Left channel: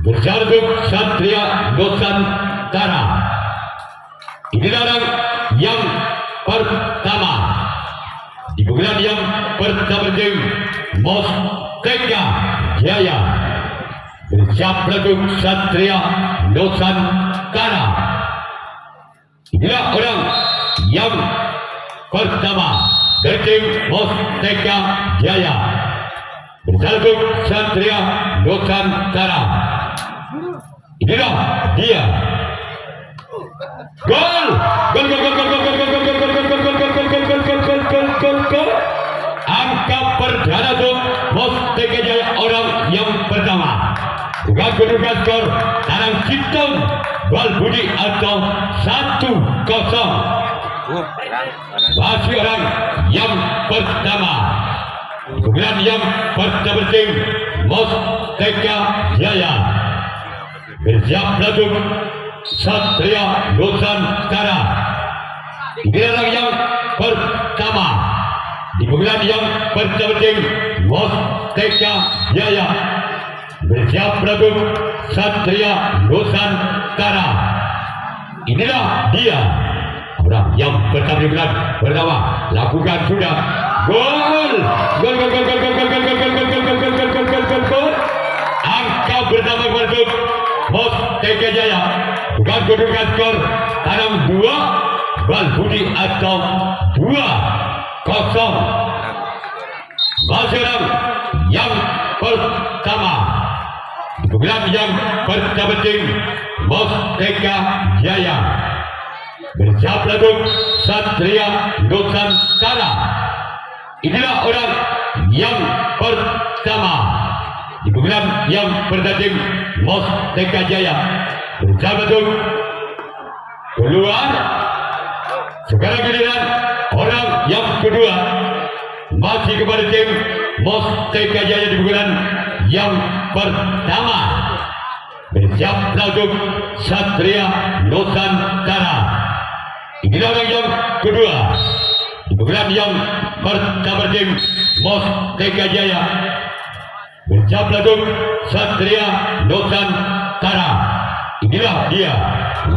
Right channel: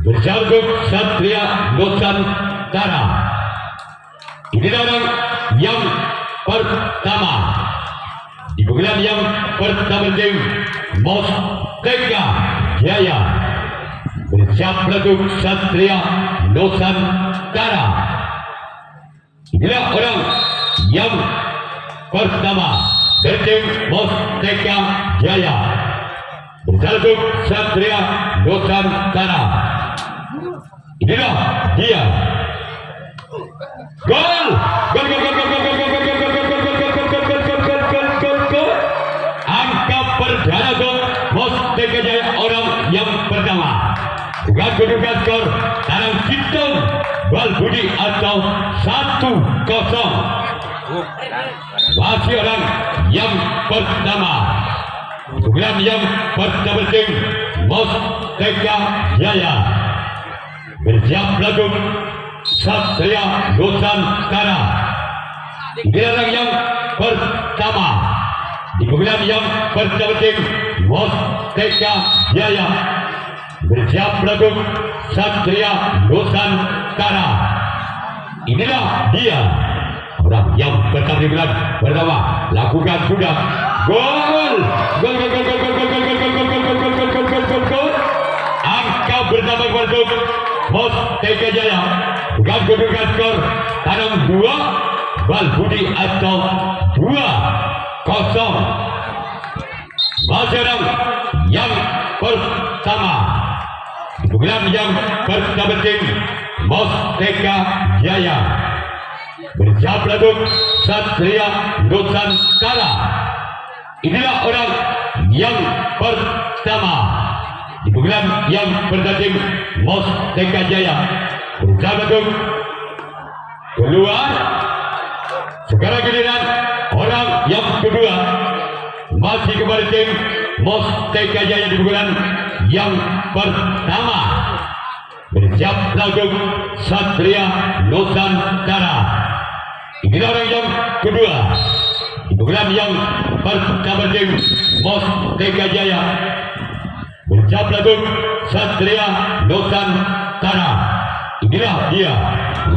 bersaljuk Satria Nusantara. Inilah orang yang pertama di bulan yang pertama tim Mustaka Jaya bersaljuk Satria Nusantara. Inilah orang yang pertama dari tim Mustaka Jaya bersaljuk Satria Nusantara. Inilah dia. Gol! Gol! Gol! Gol! Gol! Gol! Gol! Gol! Gol! Angka perdana untuk Mustaka Jaya orang yang pertama. Dengan kedudukan skor dalam hitung Bal Budi atau 1-0. Masih orang yang pertama. Bukan yang pertama tim Mustaka Jaya bersiap langsung Satria Nusantara. Inilah yang pertama di bulan yang pertama tim Mustaka Jaya bersiap langsung Satria Nusantara. Inilah dia orang yang pertama di bulan pertama. Lakukan sudah gol. Gol! Gol! Gol! Gol! Gol! Gol! Gol! Gol! Gol! Gol! Gol! Gol! Gol! Gol! Angka pertama untuk Mustaka Jaya bukan kedudukan skor dalam 2 Bal Budi atau 2-0. Masyarakat yang pertama bukan yang pertama tim Mustaka Jaya bersiap langsung Satria Nusantara. Inilah orang yang pertama di bulan yang pertama tim Mustaka Jaya bersama itu keluar. Sekarang giliran orang yang kedua masih kepada tim Mustaka Jaya di bulan yang pertama bersiap langsung Satria Nusantara. Inilah orang yang kedua di bulan yang pertama tim Mustaka Jaya bersiap langsung Satria Nusantara. Inilah dia.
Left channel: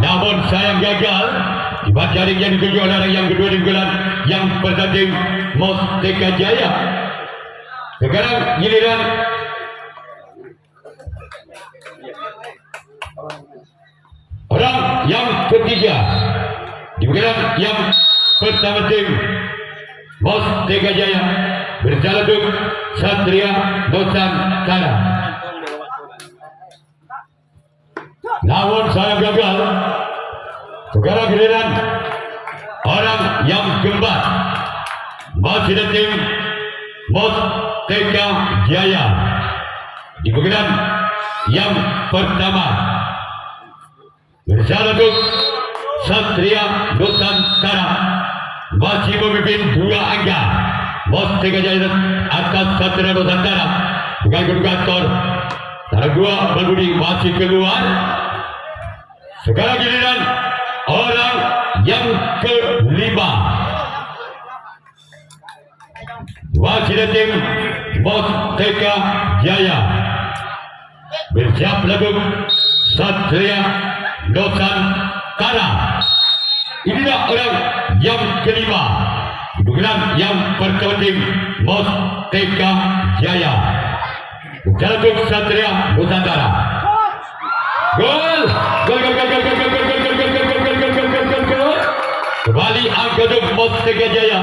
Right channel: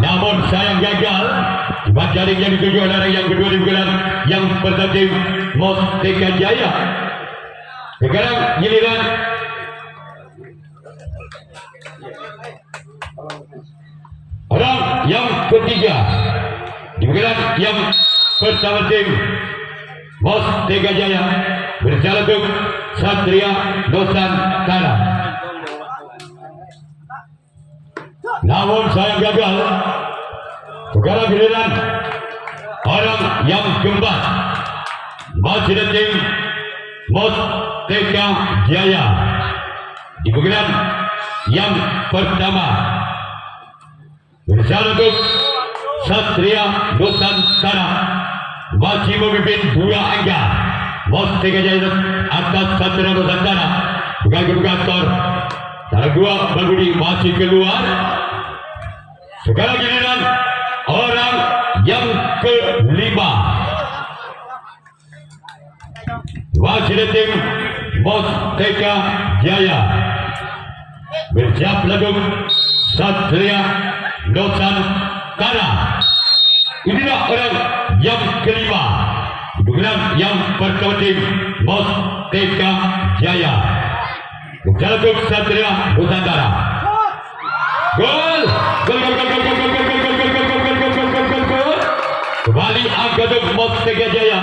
Namun sayang gagal dibuat jaring yang dituju oleh orang yang kedua di bulan yang pertama tim Mustaka Jaya. Sekarang giliran orang yang ketiga di bulan yang pertama tim Mustaka Jaya berjalan untuk Satria Nusantara. Namun saya gagal. Sekarang giliran orang yang keempat masih dari tim Mustaka Jaya di bulan yang pertama berjalan untuk Satria Nusantara masih memimpin 2 angka. Mustaka Jaya atas Satria Nusantara dengan kedudukan skor 2 Bal Budi masih keluar. Sekarang giliran orang yang kelima masih dari tim Mustaka Jaya bersiap langsung Satria Nusantara. Inilah orang yang kelima bulan yang pertama tim Mustaka Jaya berjalan untuk Satria Nusantara. Gol! Gol! Gol! Gol! Gol! Gol! Gol! Gol! Gol! Gol! Gol! Gol! Gol! Gol! Gol! Kembali angka untuk Mustaka Jaya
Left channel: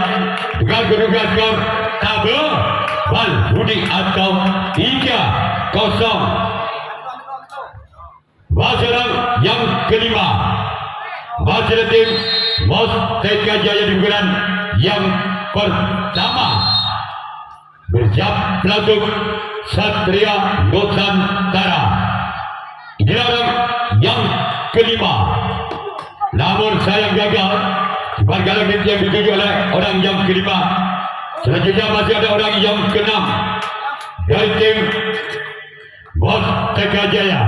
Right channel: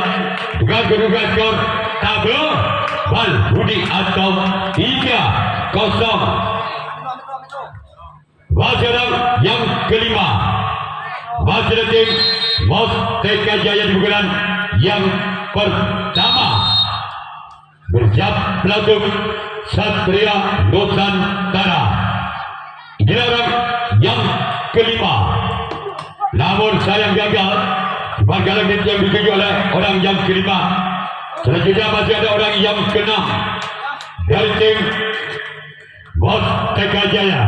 bukan kedudukan skor tabel Bal Budi atau 3-0. Masyarakat yang kelima masih dari tim Mustaka Jaya di bulan yang pertama bersiap langsung Satria Nusantara. Inilah orang yang kelima. Namun sayang gagal. Bagaimana yang dituju oleh orang yang kelima. Selanjutnya masih ada orang yang keenam dari tim Mustaka Jaya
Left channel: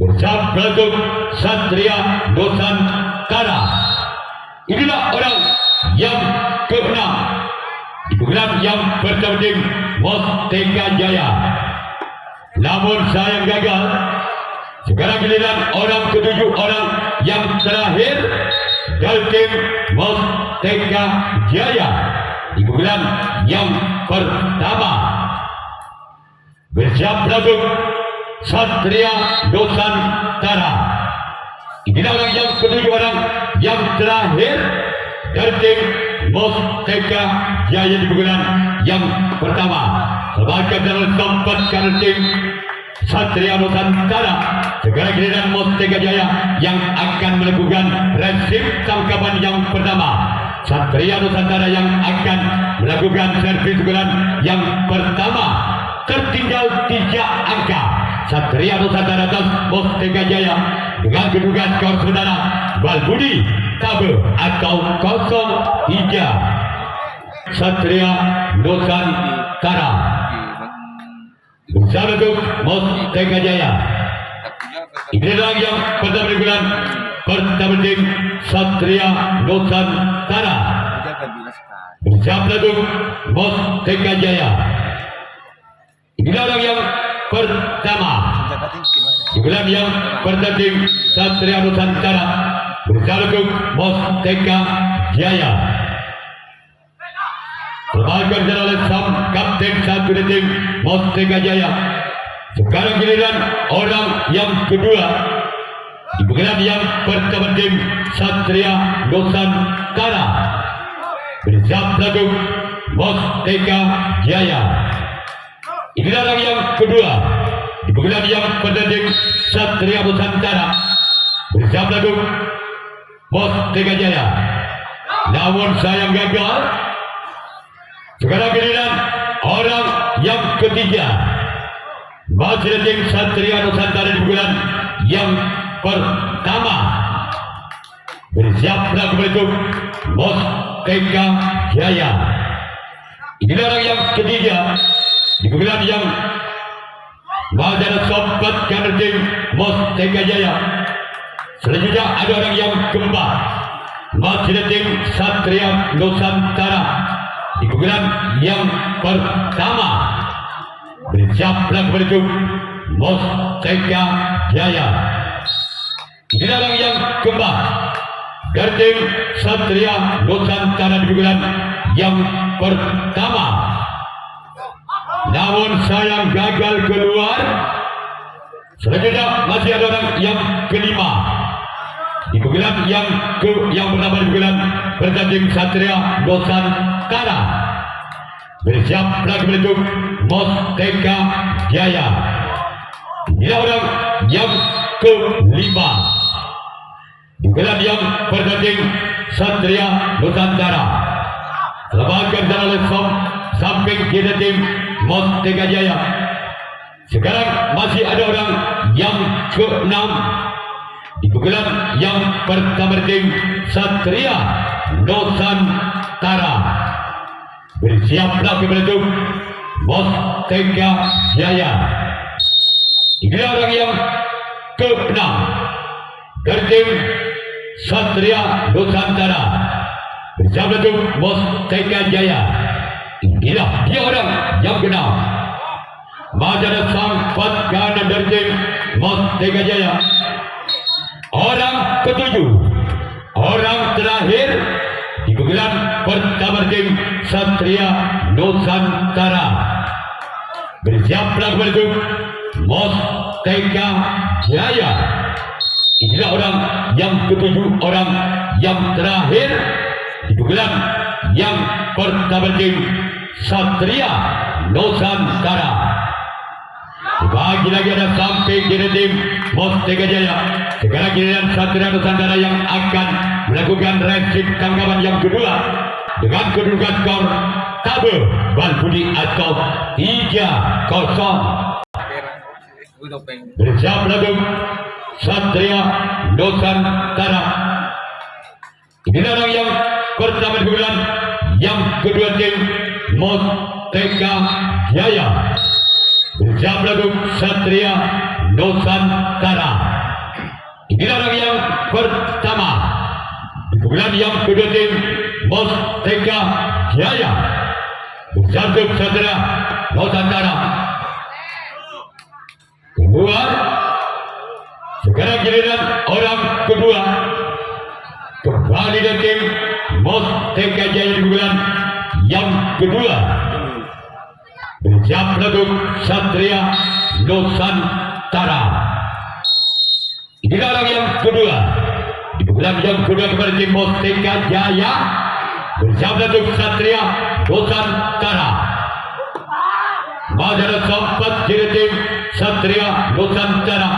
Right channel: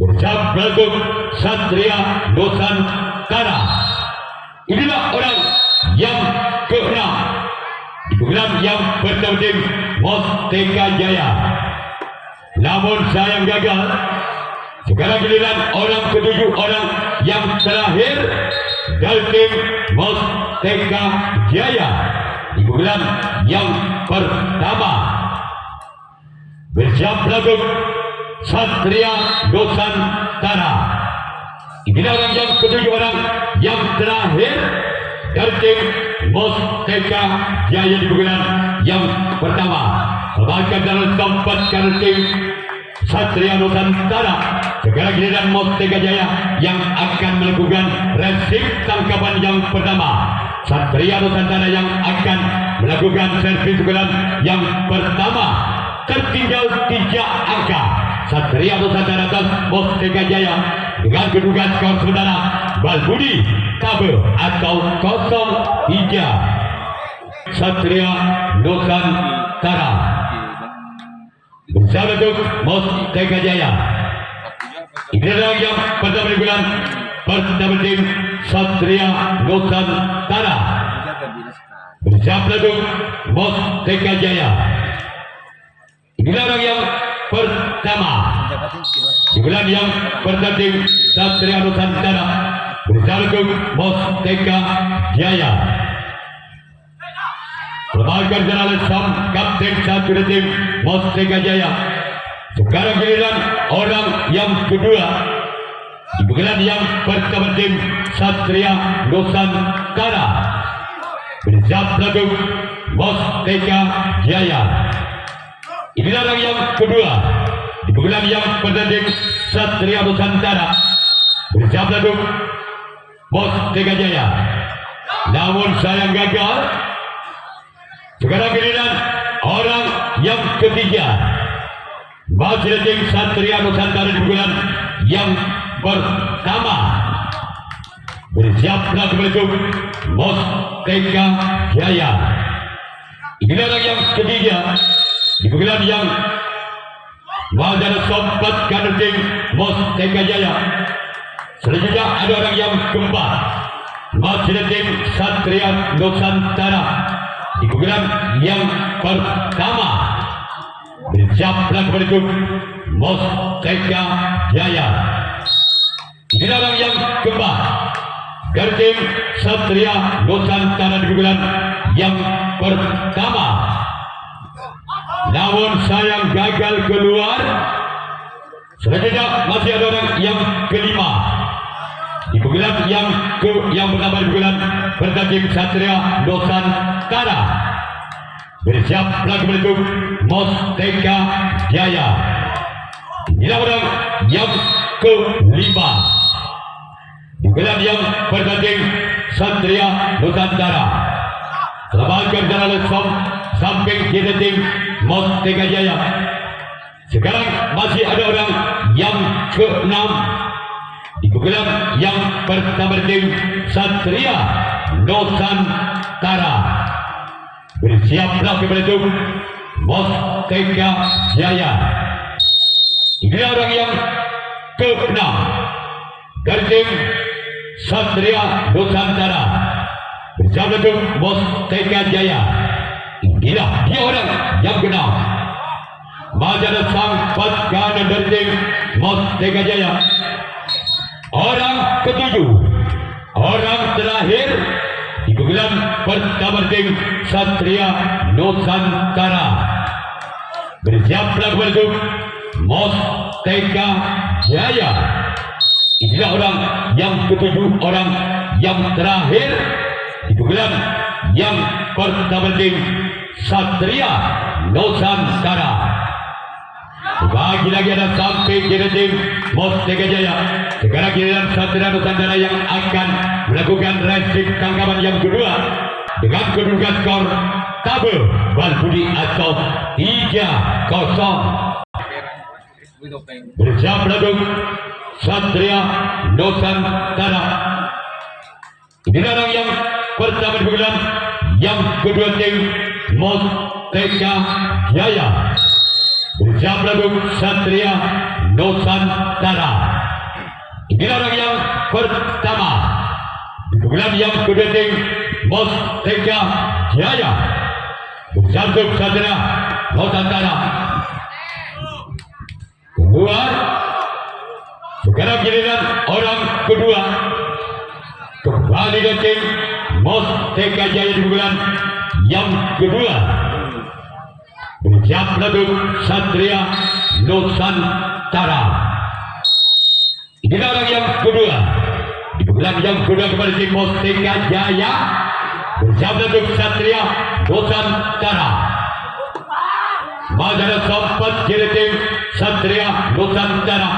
bersiap langsung Satria Nusantara. Inilah orang yang keenam di bulan yang pertama tim Mustaka Jaya namun sayang gagal. Sekarang giliran orang ketujuh, orang yang terakhir dari tim Mustaka Jaya di bulan yang pertama. Bersiap langsung Satria Nusantara. Inilah orang yang ketujuh, orang yang terakhir dari tim Mustaka Jaya di bulan yang pertama. Bahkan dalam sempatkan tim Satria Nusantara. Sekarang giliran Mustaka Jaya yang akan melakukan resip tangkapan yang pertama. Satria Nusantara yang akan melakukan servis bulan yang pertama. Tertinggal 3 angka. Satria Nusantara dan Mustaka Jaya dengan kedudukan skor saudara Balbudi Tabe atau 0-3. Satria Nusantara bersama untuk Mustaka Jaya. Inilah yang pertama di bulan pertama tim Satria Nusantara bersama untuk Mustaka Jaya. Inilah orang yang pertama di bulan yang pertama tim Satria Nusantara bersama untuk Mustaka Jaya. Sebagai jalan sam kapten satu di tim Mustaka Jaya. Sekarang giliran orang yang kedua di bulan yang pertama tim Satria Nusantara bersama untuk Mustaka Jaya. Inilah orang yang kedua di bulan yang pertama tim Satria Nusantara bersama untuk Mustaka Jaya. Namun sayang gagal. Sekarang giliran orang yang ketiga masih tim Satria Nusantara di bulan yang pertama. Bersiaplah untuk Mustaka Jaya. Inilah orang yang ketiga di bulan yang masih sempatkan tim Mustaka Jaya. Selanjutnya ada orang yang keempat masih tim Satria Nusantara di bulan yang pertama. Bersiaplah menuju Mustaka Jaya. Inilah orang yang keempat dari tim Satria Nusantara di bulan yang pertama. Namun sayang gagal keluar. Selanjutnya masih ada orang yang kelima di bulan yang pertama di bulan pertama tim Satria Nusantara. Bersiaplah menuju Mustaka Jaya. Inilah orang yang kelima di bulan yang pertama tim Satria Nusantara. Sebagai jalan samping kiri tim Mustaka Jaya. Sekarang masih ada orang yang ke-6 di bulan yang pertama tim Satria Nusantara. Bersiaplah menuju Mustaka Jaya. Inilah orang yang ke-6 dari tim Satria Nusantara bersama dengan Mustaka Jaya. Inilah dia orang yang ke-6. Majalah sang patkan dari tim Mustaka Jaya. Orang ke-7, orang terakhir di bulan pertama tim Satria Nusantara. Bersiaplah menuju Mustaka Jaya. Inilah orang yang ke-7, orang yang terakhir di bulan yang pertama tim Satria Nusantara. Bagi lagi ada sampai kiri tim Mustaka Jaya. Sekarang giliran Satria Nusantara yang akan melakukan resip tangkapan yang kedua dengan kedudukan skor Tabe Balbudi atau 3-0. Bersiap langsung Satria Nusantara. Inilah orang yang pertama di bulan yang kedua tim Mustaka Jaya. Bersiap langsung Satria Nusantara. Inilah orang yang pertama di bulan yang kedua tim Mustaka Jaya. Bersiap Satria Nusantara. Sekarang giliran orang kedua kembali dari tim Mustaka Jaya di bulan yang kedua. Bersiap lagu Satria Nusantara. Inilah orang yang kedua di bulan yang kedua kepada tim Mustaka Jaya. Bersiap lagu Satria Nusantara. Madara sempat jadi tim Satria Nusantara.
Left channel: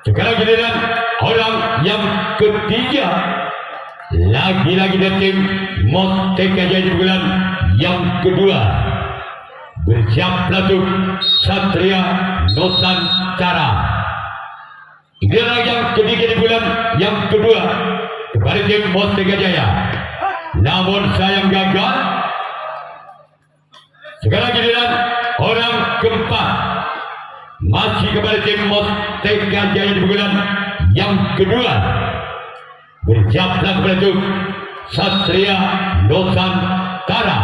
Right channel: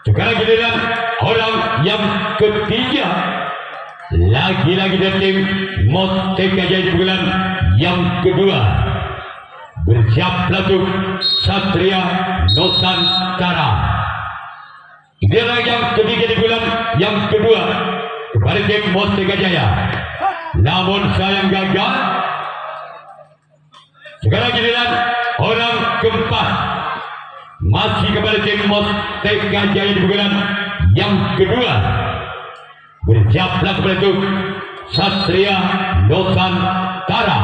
Sekarang giliran orang yang ketiga, lagi-lagi dari tim Mustaka Jaya di bulan yang kedua. Bersiap lagu Satria Nusantara. Ini adalah yang ketiga di bulan yang kedua kepada tim Mustaka Jaya. Namun sayang gagal. Sekarang giliran orang keempat, masih kepada tim Mustaka Jaya di bulan yang kedua. Bersiaplah kepada tim Satria Nusantara.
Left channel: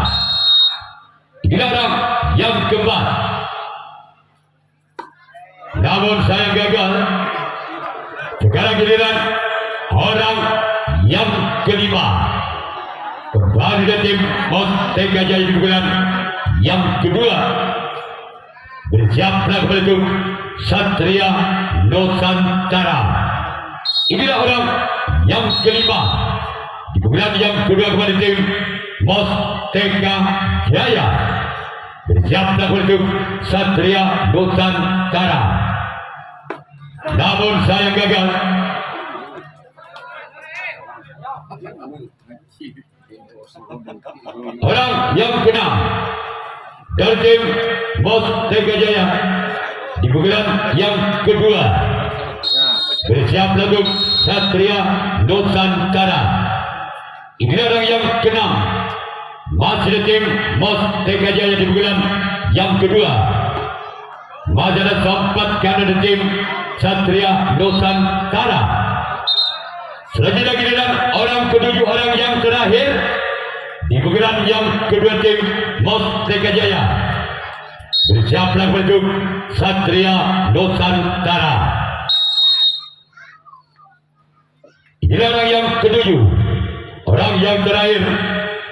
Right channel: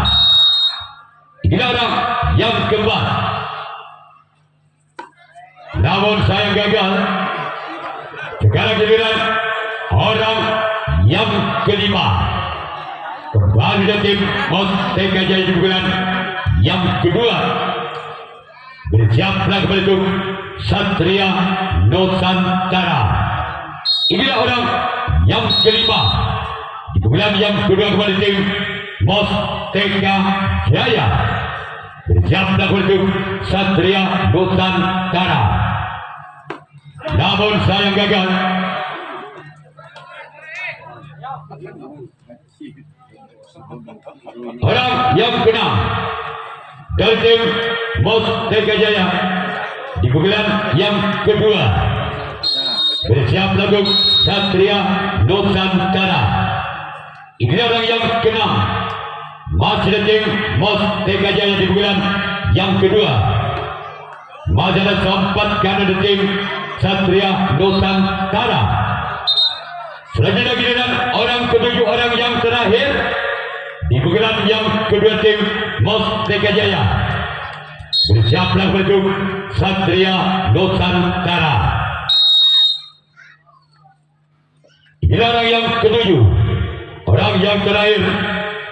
Inilah orang yang keempat. Namun saya gagal. Sekarang giliran orang yang kelima. Kembali dari tim Mustaka Jaya di bulan yang kedua. Bersiaplah kepada tim Satria Nusantara. Inilah orang yang kelima di bulan yang kedua kepada tim Mustaka Jaya. Bersiaplah kepada tim Satria Nusantara. Namun saya gagal. Orang yang keenam dari tim Mustaka Jaya di bulan yang kedua. Bersiap lagu Satria Nusantara. Inilah orang yang keenam, masih dari tim Mustaka Jaya di bulan yang kedua. Madara sempat karena dari tim Satria Nusantara. Selanjutnya giliran orang ketujuh, orang yang terakhir di bulan yang kedua tim Mustaka Jaya. Bersiaplah untuk Satria Nusantara. Inilah orang yang ketujuh, orang yang terakhir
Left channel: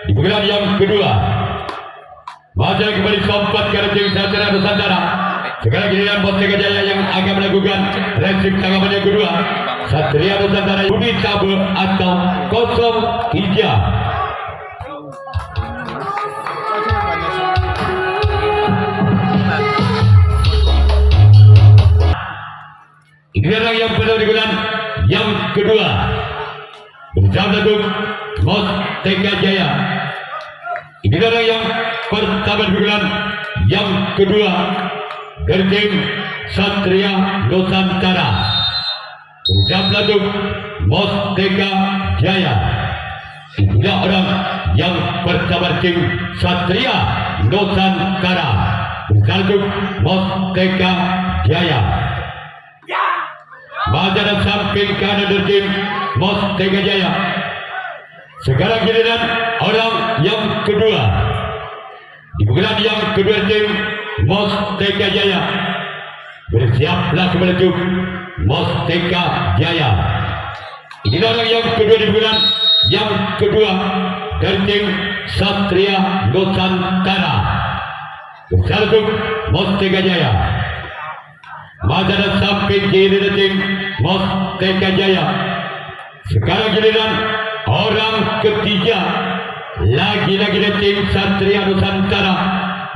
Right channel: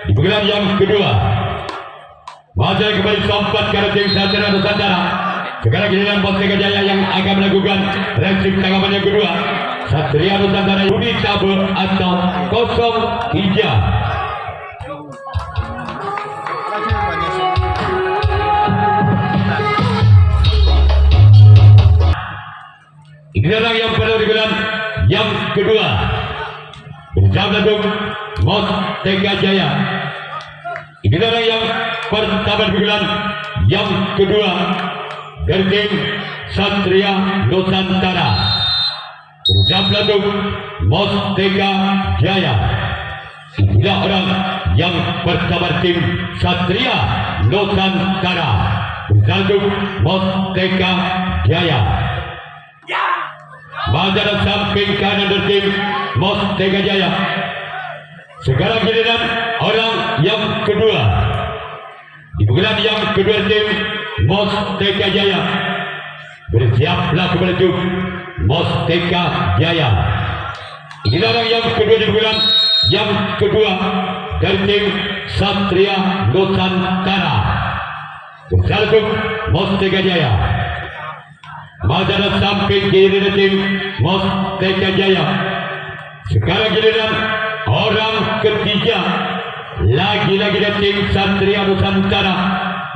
di bulan yang kedua. Masih kembali sempat ke tim Satria Nusantara. Sekarang giliran Mustaka Jaya yang akan melakukan reaksi tanggapan yang kedua. Satria Nusantara Budi Tabur atau 03. Ini orang yang pada bulan yang kedua. Bersama dengan Mustaka Jaya. Ini orang yang pertama di bulan yang kedua. Dari tim Satria Nusantara. Bersama dengan Mustaka Jaya. Inilah orang yang pertama tim Satria Nusantara. Bersama dengan Mustaka Jaya. Madara samping kanan dari tim Mustaka Jaya. Sekarang giliran orang yang kedua di bulan yang kedua tim Mustaka Jaya. Bersiaplah kepada tim Mustaka Jaya. Inilah orang yang kedua di bulan yang kedua dari tim Satria Nusantara. Bersama tim Mustaka Jaya. Madara samping kiri dari tim Mustaka Jaya. Sekarang giliran orang ketiga, lagi-lagi dari tim Satria Nusantara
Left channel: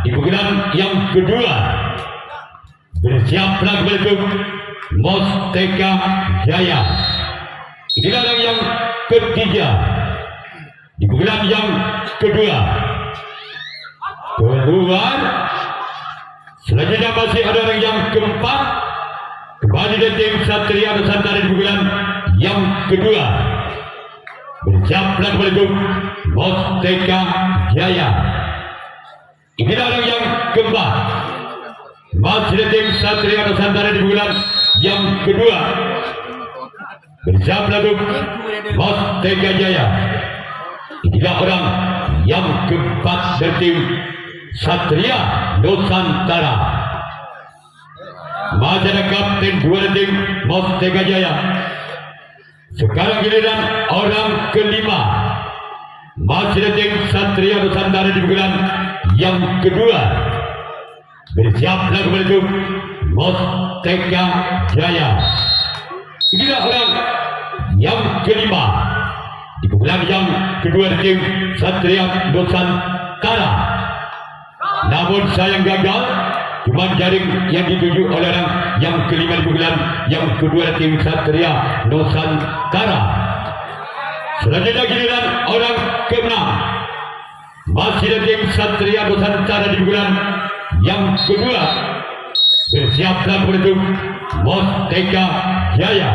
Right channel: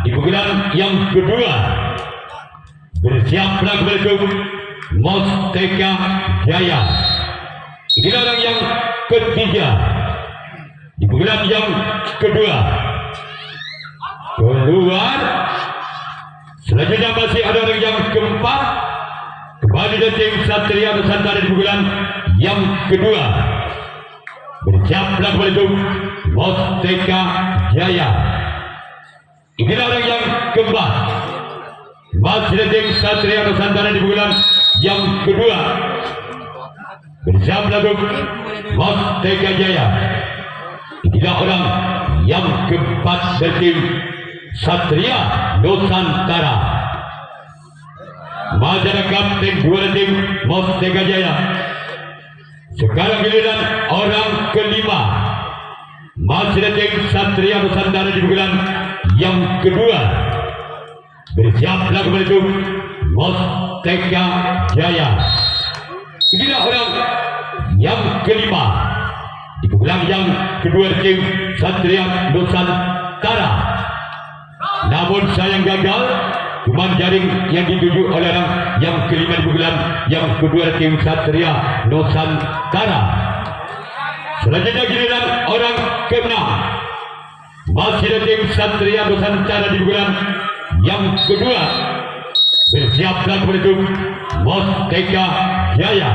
di bulan yang kedua. Bersiaplah kepada tim Mustaka Jaya. Inilah orang yang ketiga di bulan yang kedua. Keluar. Selanjutnya masih ada orang yang keempat, kembali dari tim Satria Nusantara di bulan yang kedua. Bersiaplah kepada tim Mustaka Jaya. Inilah orang yang keempat, masih dari tim Satria Nusantara di bulan yang kedua. Bersiaplah tim Mustaka Jaya. Inilah orang yang keempat dari tim Satria Nusantara. masih ada kapten dua tim Mustaka Jaya. Sekarang giliran orang kelima, masih ada tim Satria Nusantara di bulan yang kedua. Bersiaplah menuju Mustaka Jaya. Inilah orang yang kelima di bulan yang kedua tim Satria Nusantara. Namun sayang gagal, cuma jaring yang dituju oleh orang yang kelima di bulan yang kedua tim Satria Nusantara. Selanjutnya giliran orang keenam, masih ada tim Satria Nusantara di bulan yang kedua. Bersiaplah menuju Mustaka Jaya.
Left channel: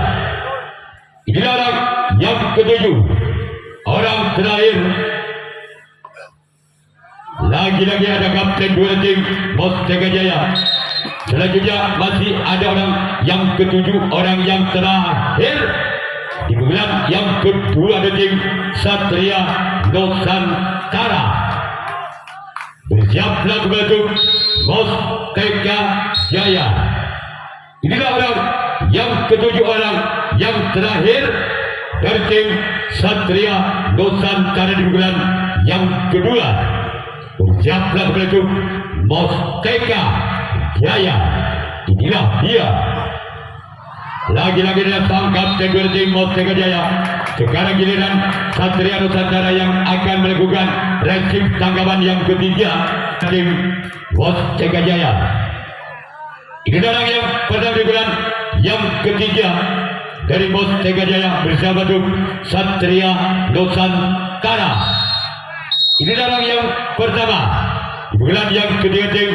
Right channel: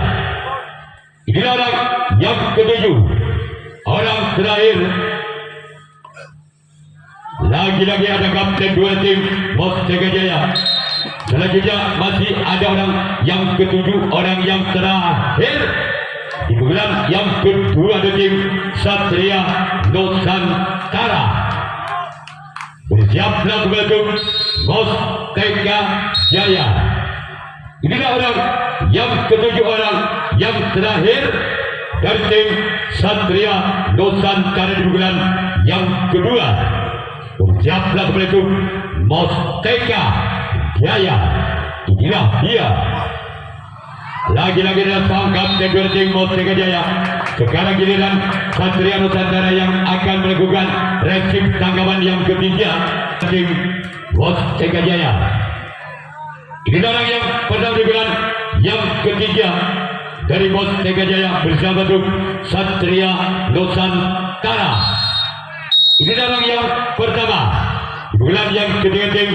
Inilah orang yang ketujuh, orang terakhir. Lagi-lagi ada kapten dua tim Mustaka Jaya. Selanjutnya masih ada orang yang ketujuh, orang yang terakhir di bulan yang kedua ada tim Satria Nusantara. Bersiaplah menuju Mustaka Jaya. Inilah orang yang ketujuh, orang yang terakhir dari tim Satria Nusantara di bulan yang kedua. Bersiaplah menuju Mustaka Jaya. Inilah dia. Lagi-lagi dia sang kapten dua tim Mustaka Jaya. Sekarang giliran Satria Nusantara yang akan melakukan resip tanggapan yang ketiga tim Mustaka Jaya. Inilah orang yang pertama di bulan yang ketiga dari Mustaka Jaya bersama tim Satria Nusantara. Inilah orang yang pertama di bulan yang ketiga tim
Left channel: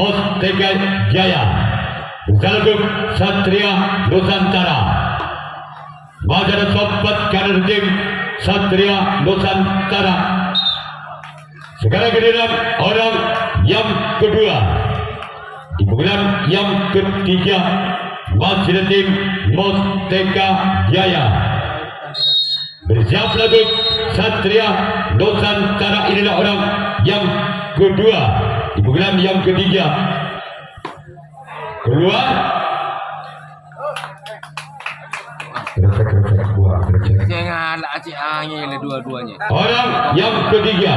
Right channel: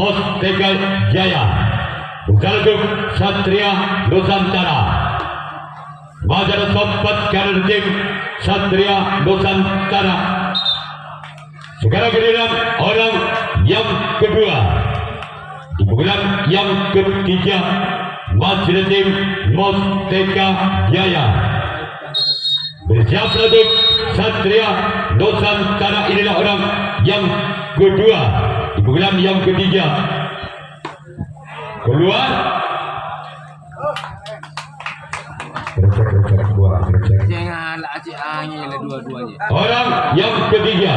Mustaka Jaya bersama tim Satria Nusantara. Pada sobat karir tim Satria Nusantara. Sekarang giliran orang yang kedua di bulan yang ketiga, masih tim Mustaka Jaya. Bersiaplah tim Satria Nusantara. Inilah orang yang kedua di bulan yang ketiga. Keluar. Jangan acik angin dua-duanya. Orang yang ketiga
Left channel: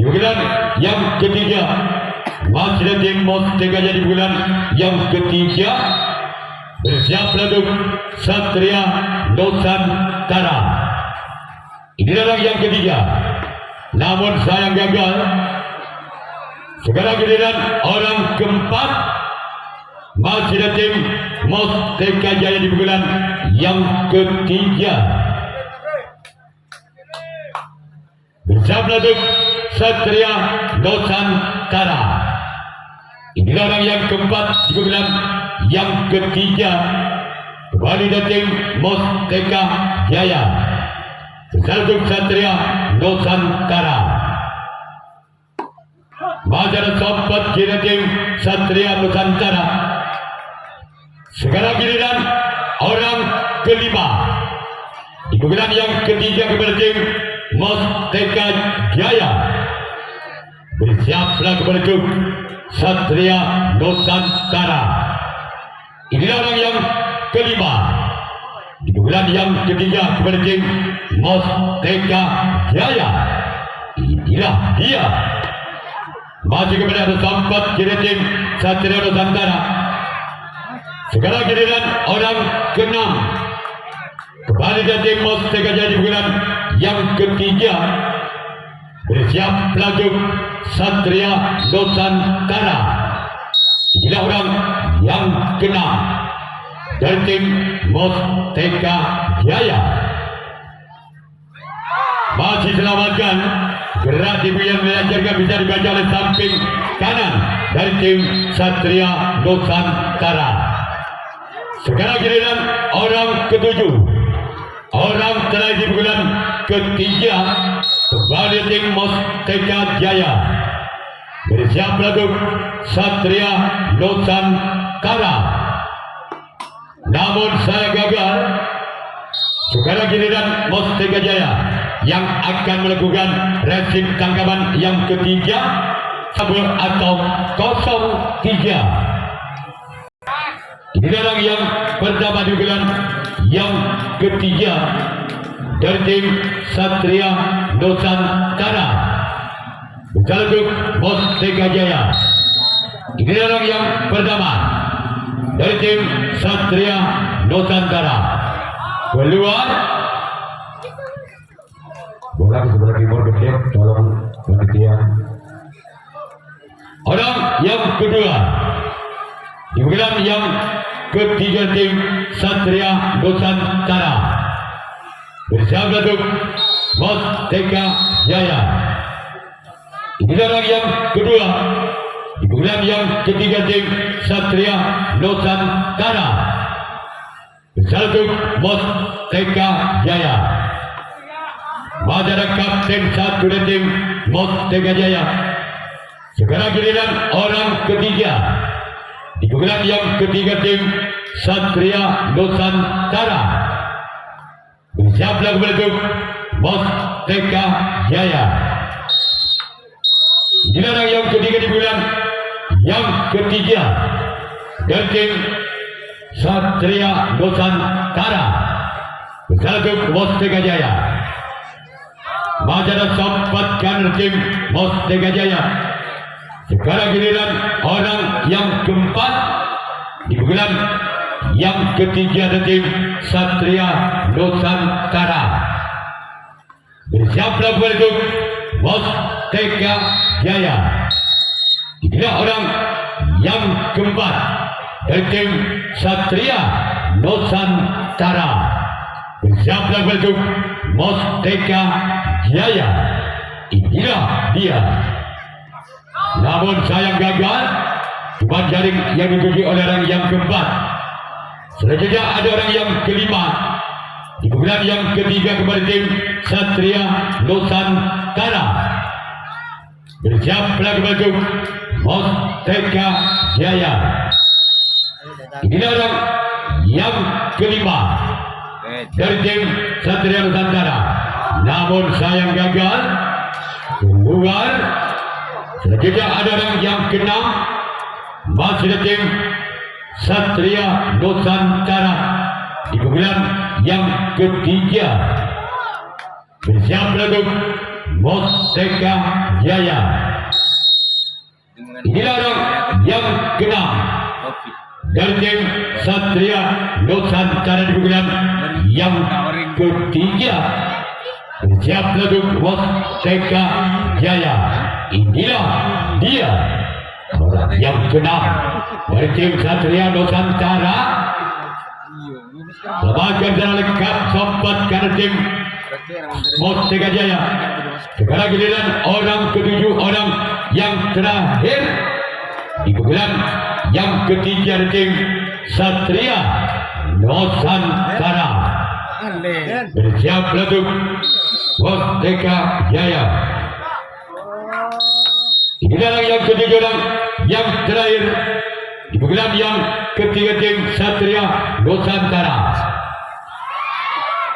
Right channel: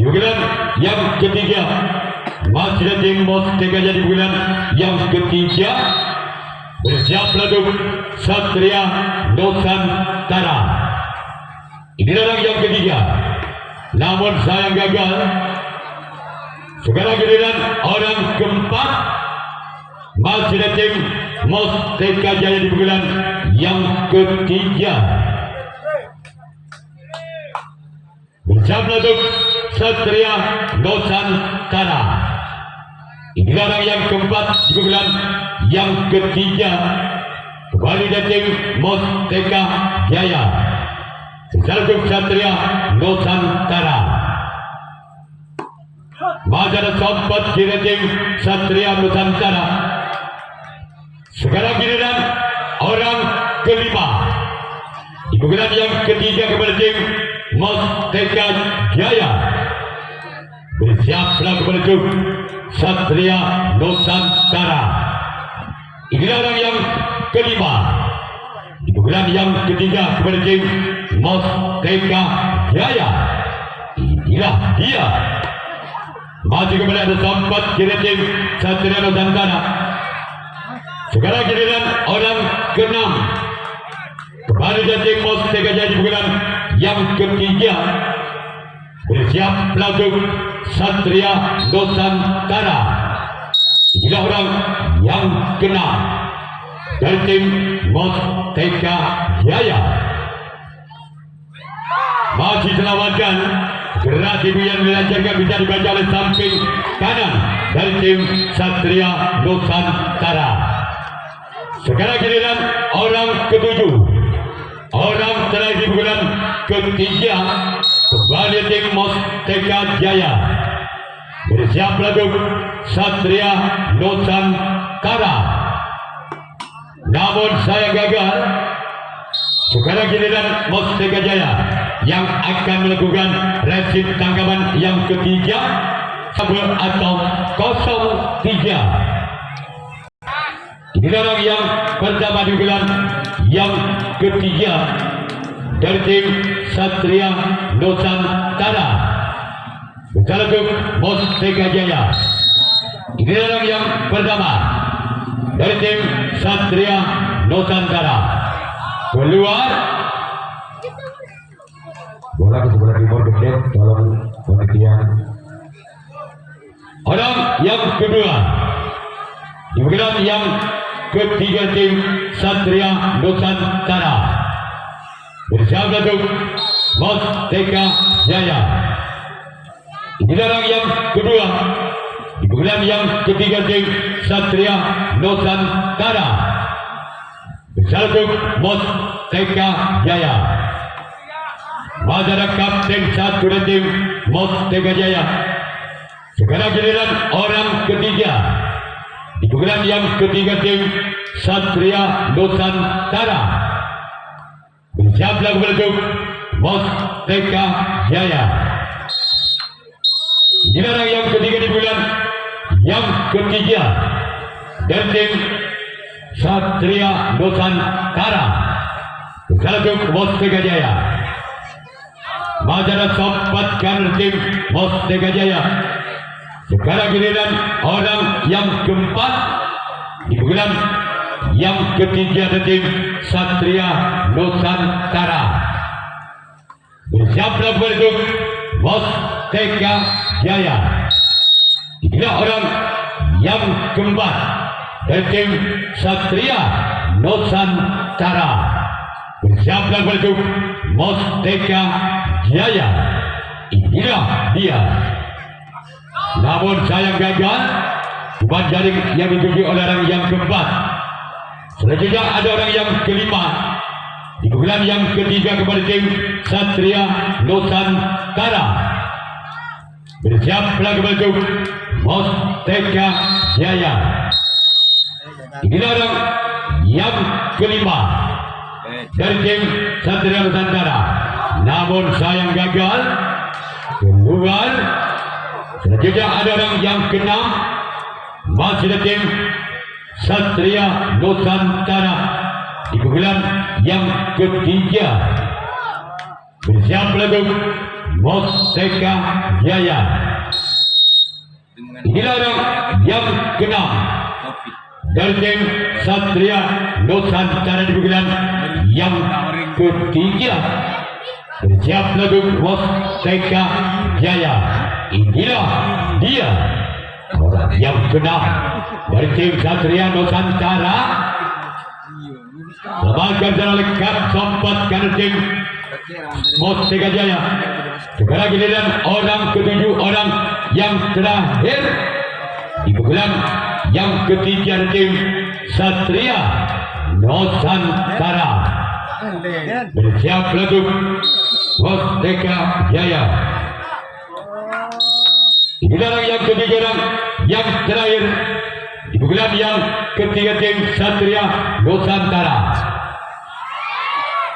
di bulan yang ketiga, masih tim Mustaka Jaya di bulan yang ketiga. Bersiaplah tim Satria Nusantara. Inilah orang yang ketiga, namun sayang gagal. Sekarang giliran orang keempat, masih ada tim Mustaka Jaya di bulan yang ketiga. Bersama tim Satria Nusantara. Inilah orang yang keempat di bulan yang ketiga. Kembali dari tim Mustaka Jaya. Bersama tim Satria Nusantara. Majar sobat kira tim Satria Nusantara. Sekarang giliran orang kelima di bulan yang ketiga kepada tim Mustaka Jaya. Bersiaplah kepada tim Satria Nusantara. Inilah orang yang kelima di bulan yang ketiga kepada tim Mustaka Jaya. Inilah dia. Masih kepada sahabat kira tim Satria Nusantara. Sekarang giliran orang keenam kembali dari tim Mustaka Jaya di bulan yang ketiga. Bersiaplah tim Satria Nusantara. Inilah orang yang keenam dari tim Mustaka Jaya. Masih selamatkan gerak ibu yang dilancarkan bisa dibaca oleh samping kanan dari tim Satria Nusantara. Sekarang giliran orang ketujuh, orang terakhir di bulan ketiga kembali tim Mustaka Jaya. Bersiaplah tim Satria Nusantara. Namun saya gagal. Sekarang giliran Mustaka Jaya yang akan melakukan resip tanggapan yang ketiga atau 03. Inilah orang yang pertama digelar yang ketiga dari tim Satria Nusantara. Berjalan untuk Mustaka Jaya. Inilah orang yang pertama dari tim Satria Nusantara. Keluar. Bola ke sebelah timur gede, tolong panitia. Orang yang kedua digelar yang ketiga tim Satria Nusantara. Bersama untuk Mustaka Jaya. Inilah orang yang kedua digelar yang ketiga tim Satria Nusantara. Bersama untuk Mustaka Jaya. Adalah kapten satu dari tim Mustaka Jaya. Sekarang giliran orang ketiga digelar yang ketiga tim Satria Nusantara. Bersiaplah untuk Mustaka Jaya. Inilah orang yang ketiga digelar yang ketiga dari tim Satria Nusantara. Bersiaplah untuk Mustaka Jaya. Majalah sempatkan tim Mustaka Jaya. Sekarang giliran orang yang keempat digelar yang ketiga dari tim Satria Nusantara. Bersiaplah untuk Mustaka Jaya. Inilah orang yang keempat dari tim Satria Nusantara. Bersiaplah untuk Mustaka Jaya. Inilah dia. Namun sayang gagal. Cuma jaring yang dituju oleh orang yang keempat. Selanjutnya ada orang yang kelima. Digelar yang ketiga kepada tim Satria Nusantara. Bersiaplah untuk Mustaka Jaya. Inilah orang yang kelima dari tim Satria Nusantara. Namun sayang gagal. Keluar. Selanjutnya ada orang yang keenam. Masih dari tim Satria Nusantara. Digelar yang ketiga. Bersiaplah untuk Mustaka Jaya. Inilah orang yang keenam dari tim Satria Nusantara. Digelar yang ketiga. Bersiaplah untuk Mustaka Jaya. Inilah dia orang yang keenam dari tim Satria Nusantara. Lembaga jalan lengkap sempatkan tim Mustaka Jaya. Sekarang giliran orang ketujuh, orang yang terakhir digelar yang ketiga dari tim Satria Nusantara. Bersiaplah untuk Mustaka Jaya. Inilah orang yang ketiga, orang yang terakhir digelar yang ketiga tim Satria Nusantara.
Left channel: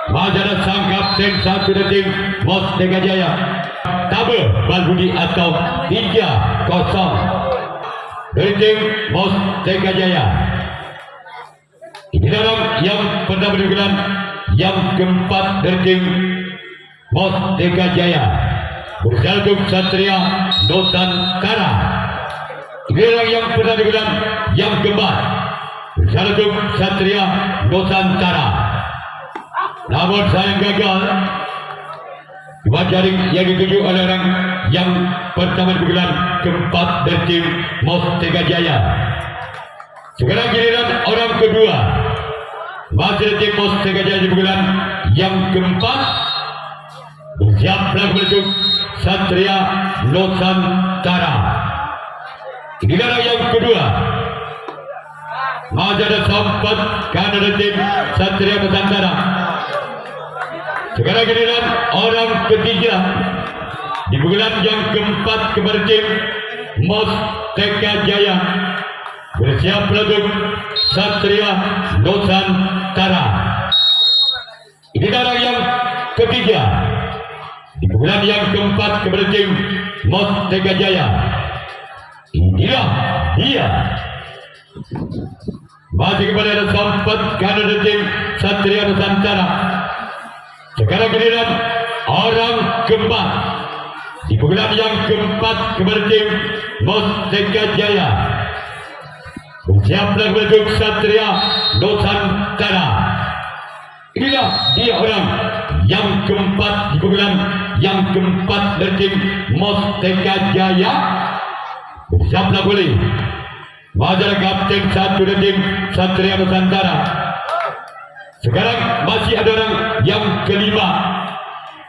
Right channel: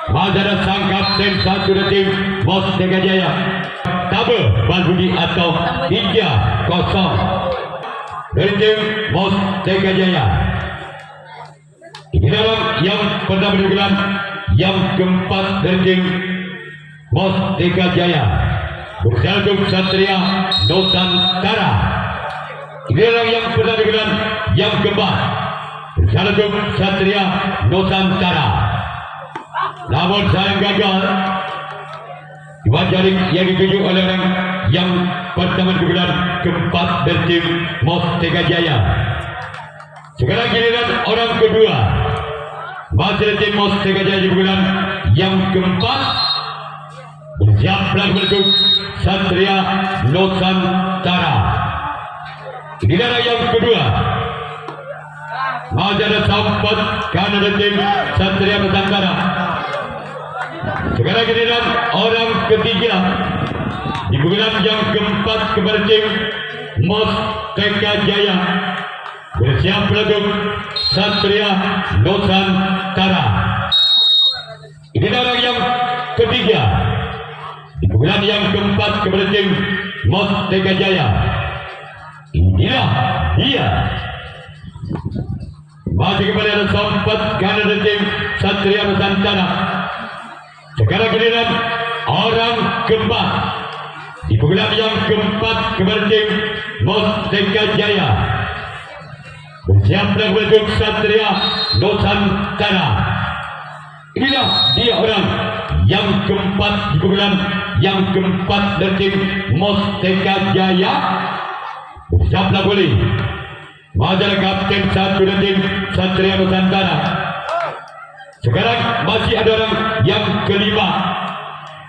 Majalah sang kapten satu dari tim Mustaka Jaya. Tabel Balbudi atau 3-0 dari tim Mustaka Jaya. Inilah orang yang pertama digelar yang keempat dari tim Mustaka Jaya. Berjalan untuk Satria Nusantara. Inilah orang yang pertama digelar yang keempat. Berjalan untuk Satria Nusantara. Namun sayang gagal. Dua jaring yang dituju oleh orang yang pertama digelar keempat dari tim Mustaka Jaya. Sekarang giliran orang kedua. Masih tim Mustaka Jaya digelar yang keempat. Bersiaplah untuk Satria Nusantara. Inilah yang kedua. Majalah sampat karena dari tim Satria Nusantara. Sekarang giliran orang ketiga. Digelar yang keempat kepada tim Mustaka Jaya. Bersiaplah untuk Satria Nusantara. Inilah orang yang ketiga. Digelar yang keempat kepada tim Mustaka Jaya. Inilah dia Masih kepada sempat kanan tim Satria Nusantara. Sekarang giliran orang keempat. Di bulan yang keempat kepada tim Mustaka Jaya. Bersiaplah untuk Satria Nusantara. Inilah dia orang yang keempat di bulan yang keempat dari tim Mustaka Jaya. Bersiaplah boleh. Majalah kapten satu dari tim Satria Nusantara. Sekarang masih ada orang yang kelima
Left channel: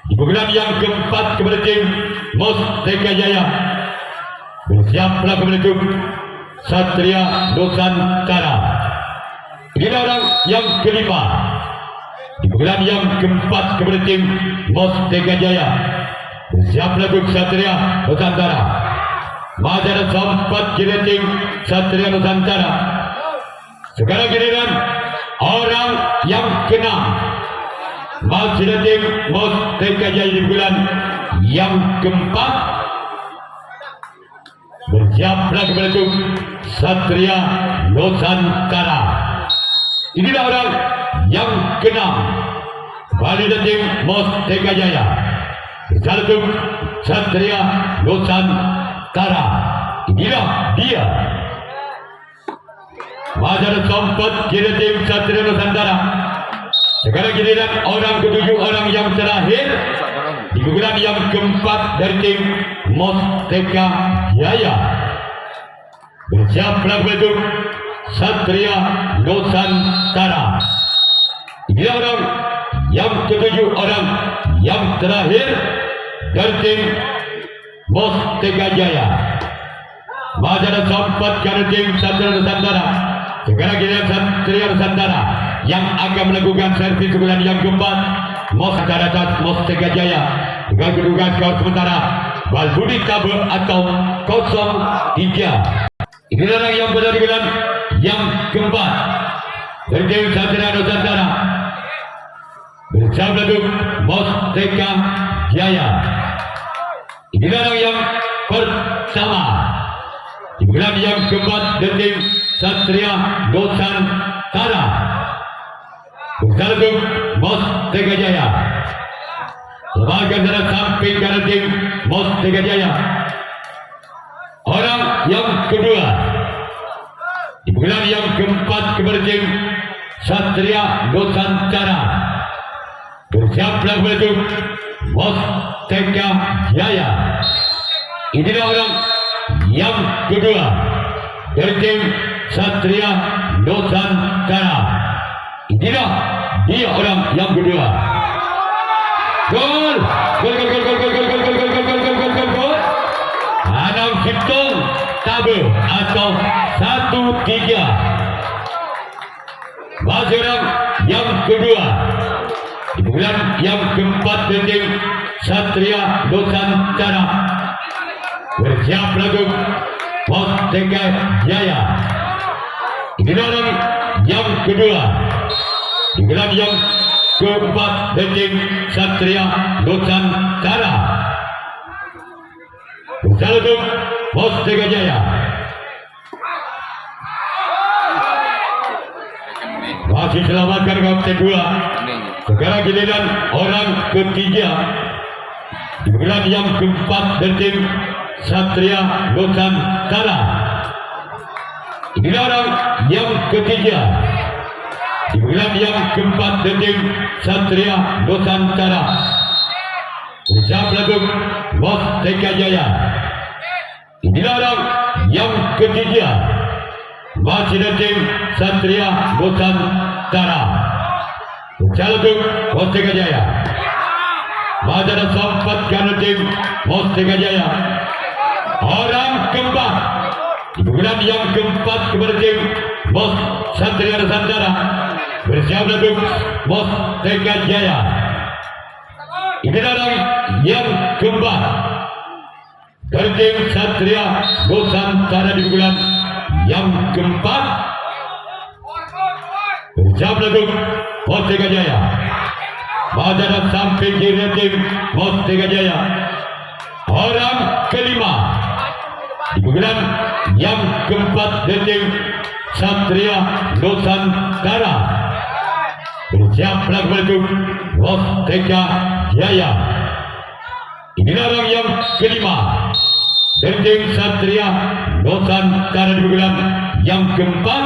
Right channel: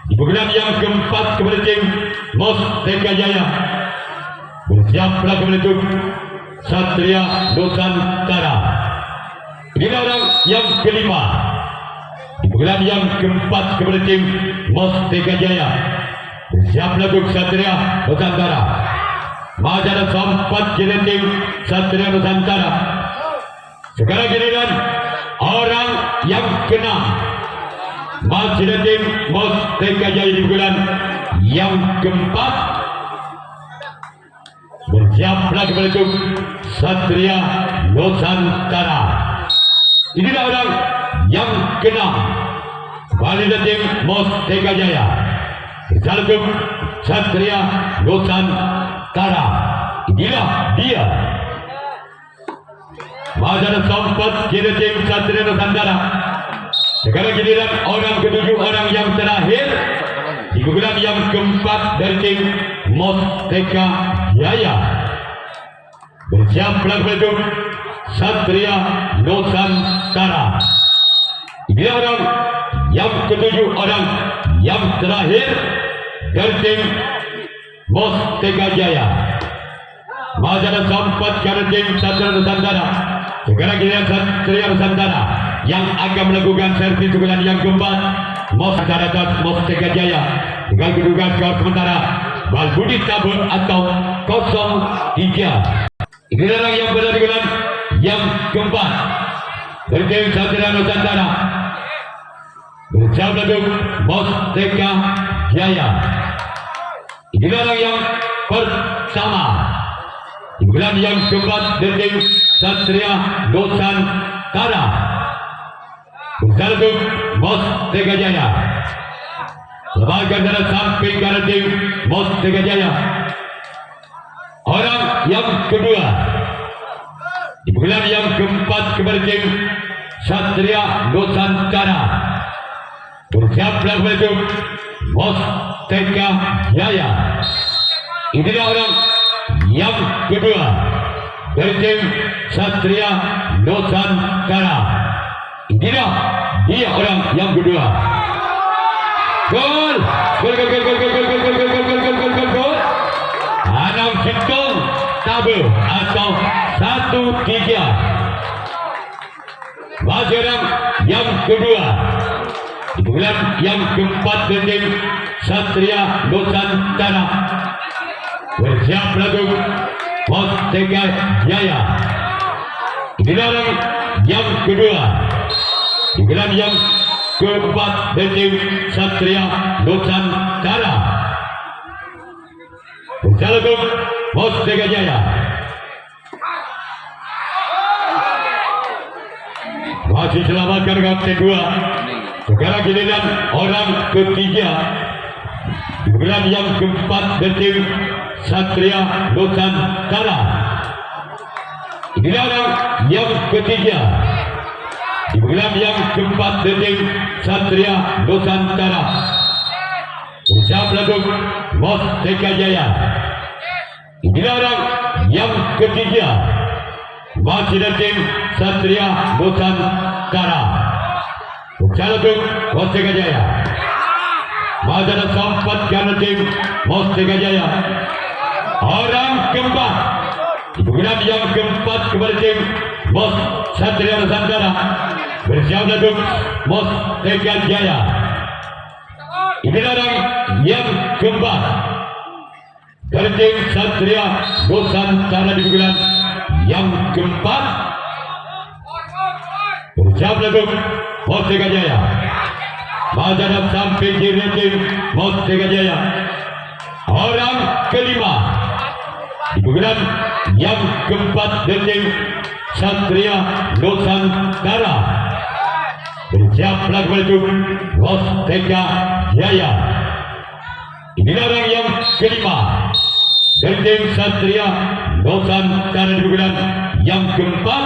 di bulan yang keempat kepada tim Mustaka Jaya. Bersiaplah untuk Satria Nusantara. Inilah orang yang kelima di bulan yang keempat kepada tim Mustaka Jaya. Bersiaplah untuk Satria Nusantara. Majalah sempat jadi tim Satria Nusantara. Sekarang giliran orang yang keenam. Masih tim Mustaka Jaya di bulan yang keempat. Bersiaplah kepada tim Satria Nusantara. Inilah orang yang keenam. Kembali dari tim Mustaka Jaya. Bersiaplah tim Satria Nusantara. Inilah dia. Majalah sempat jadi tim Satria Nusantara. Sekarang giliran orang ketujuh, orang yang terakhir di bulan yang keempat dari tim Mustaka Jaya. Bersiaplah untuk Satria Nusantara. Inilah orang yang ketujuh, orang yang terakhir dari tim Mustaka Jaya. Majalah sempat karena tim Satria Nusantara. Sekarang giliran Satria Nusantara yang akan melakukan servis bulan yang keempat. Mustaka Jaya dengan kedudukan skor sementara Balbudi Tabur atau 0-3. Inilah orang yang berada di bulan yang keempat dari tim Satria Nusantara. Bersama untuk Mustaka Jaya. Inilah orang yang pertama di bulan yang keempat dari tim Satria Nusantara. Bersama untuk Mustaka Jaya. Lebakan dalam samping dari tim Mustaka Jaya. Orang yang kedua di bulan yang keempat kepada tim Satria Nusantara. Bersiaplah untuk Mustaka Jaya. Inilah orang yang kedua dari tim Satria Nusantara. Inilah dia orang yang kedua. Gol! Gol! Gol! Gol! Gol! Gol! Gol! Gol! Gol! Gol! Gol! Gol! Gol! Gol! Gol! Anam hitung tabel atau 1-3. Masih orang yang kedua di bulan yang keempat dari tim Satria Nusantara. Bersiap lagu Mustaka Jaya. Inilah orang yang kedua di bulan yang keempat dari tim Satria Nusantara. Bersiap lagu Mustaka Jaya. Masih selamatkan kapten 2. Sekarang giliran orang ketiga di bulan yang keempat dari tim Satria Nusantara. Inilah orang yang ketiga di bulan yang keempat dari tim Satria Nusantara. Bersiap lagu Mustaka Jaya. Inilah orang yang ketiga masih dari tim Satria Nusantara. Bersiap lagu Mustaka Jaya. Majalah sempat karena tim Mustaka Jaya. Orang keempat di bulan yang keempat kepada tim Satria Nusantara. Bersiap lagu Mustaka Jaya. Inilah orang yang keempat dari tim Satria Nusantara di bulan yang keempat. Bersiap lagu Mustaka Jaya. Majalah samping kiri tim Mustaka Jaya. Orang kelima di bulan yang keempat dari tim Satria Nusantara. Bersiap lagu Musteka Jaya. Inilah orang yang kelima dari tim Satria Nusantara dibilang yang keempat.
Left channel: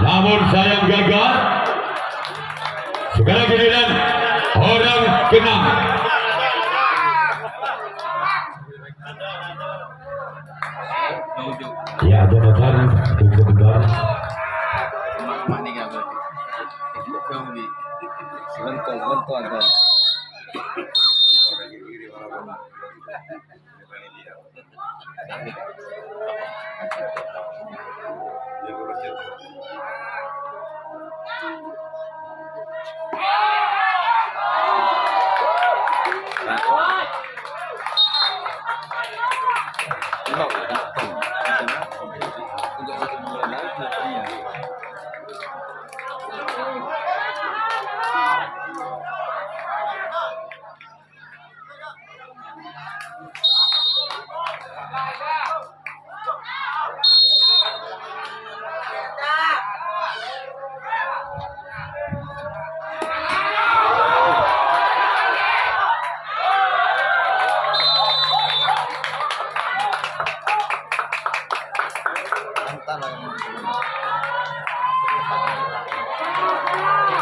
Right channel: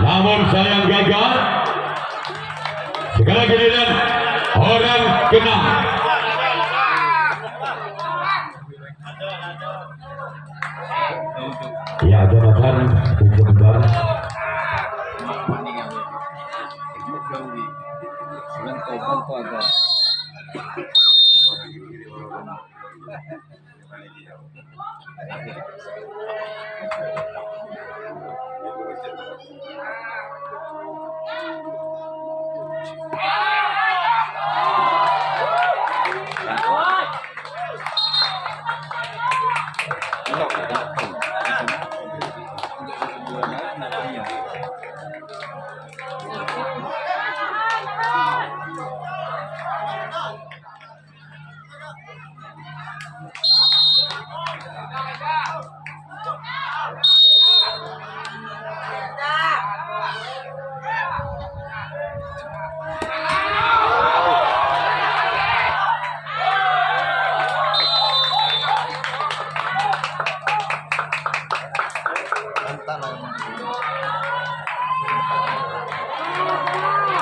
Namun sayang gagal. Sekarang giliran orang keenam. Ya, Jonathan sebentar.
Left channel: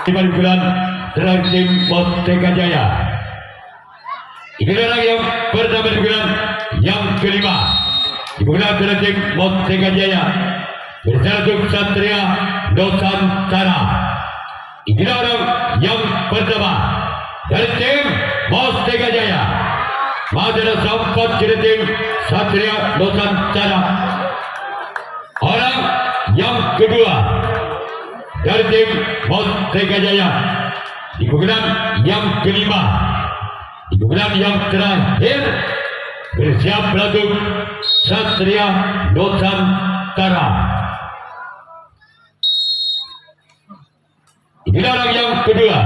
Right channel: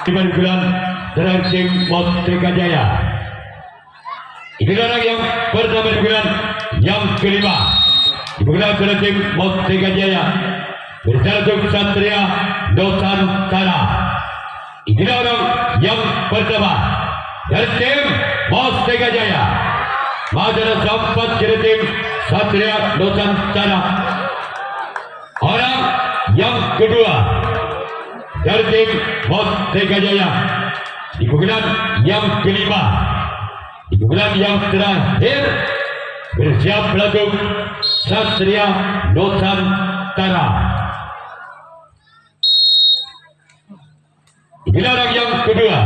Dengan bulan dari tim Musteka Jaya. Ini orang yang pertama di bulan yang kelima. Di bulan dari tim Musteka Jaya. Bersatu Satria Nusantara. Inilah orang yang pertama dari tim Musteka Jaya. Majalah sempat dari tim Satria Nusantara. Orang yang kedua dari tim Musteka Jaya di bulan yang kelima, di bulan yang terakhir bersiap lagu Satria Nusantara. Inilah orang yang kedua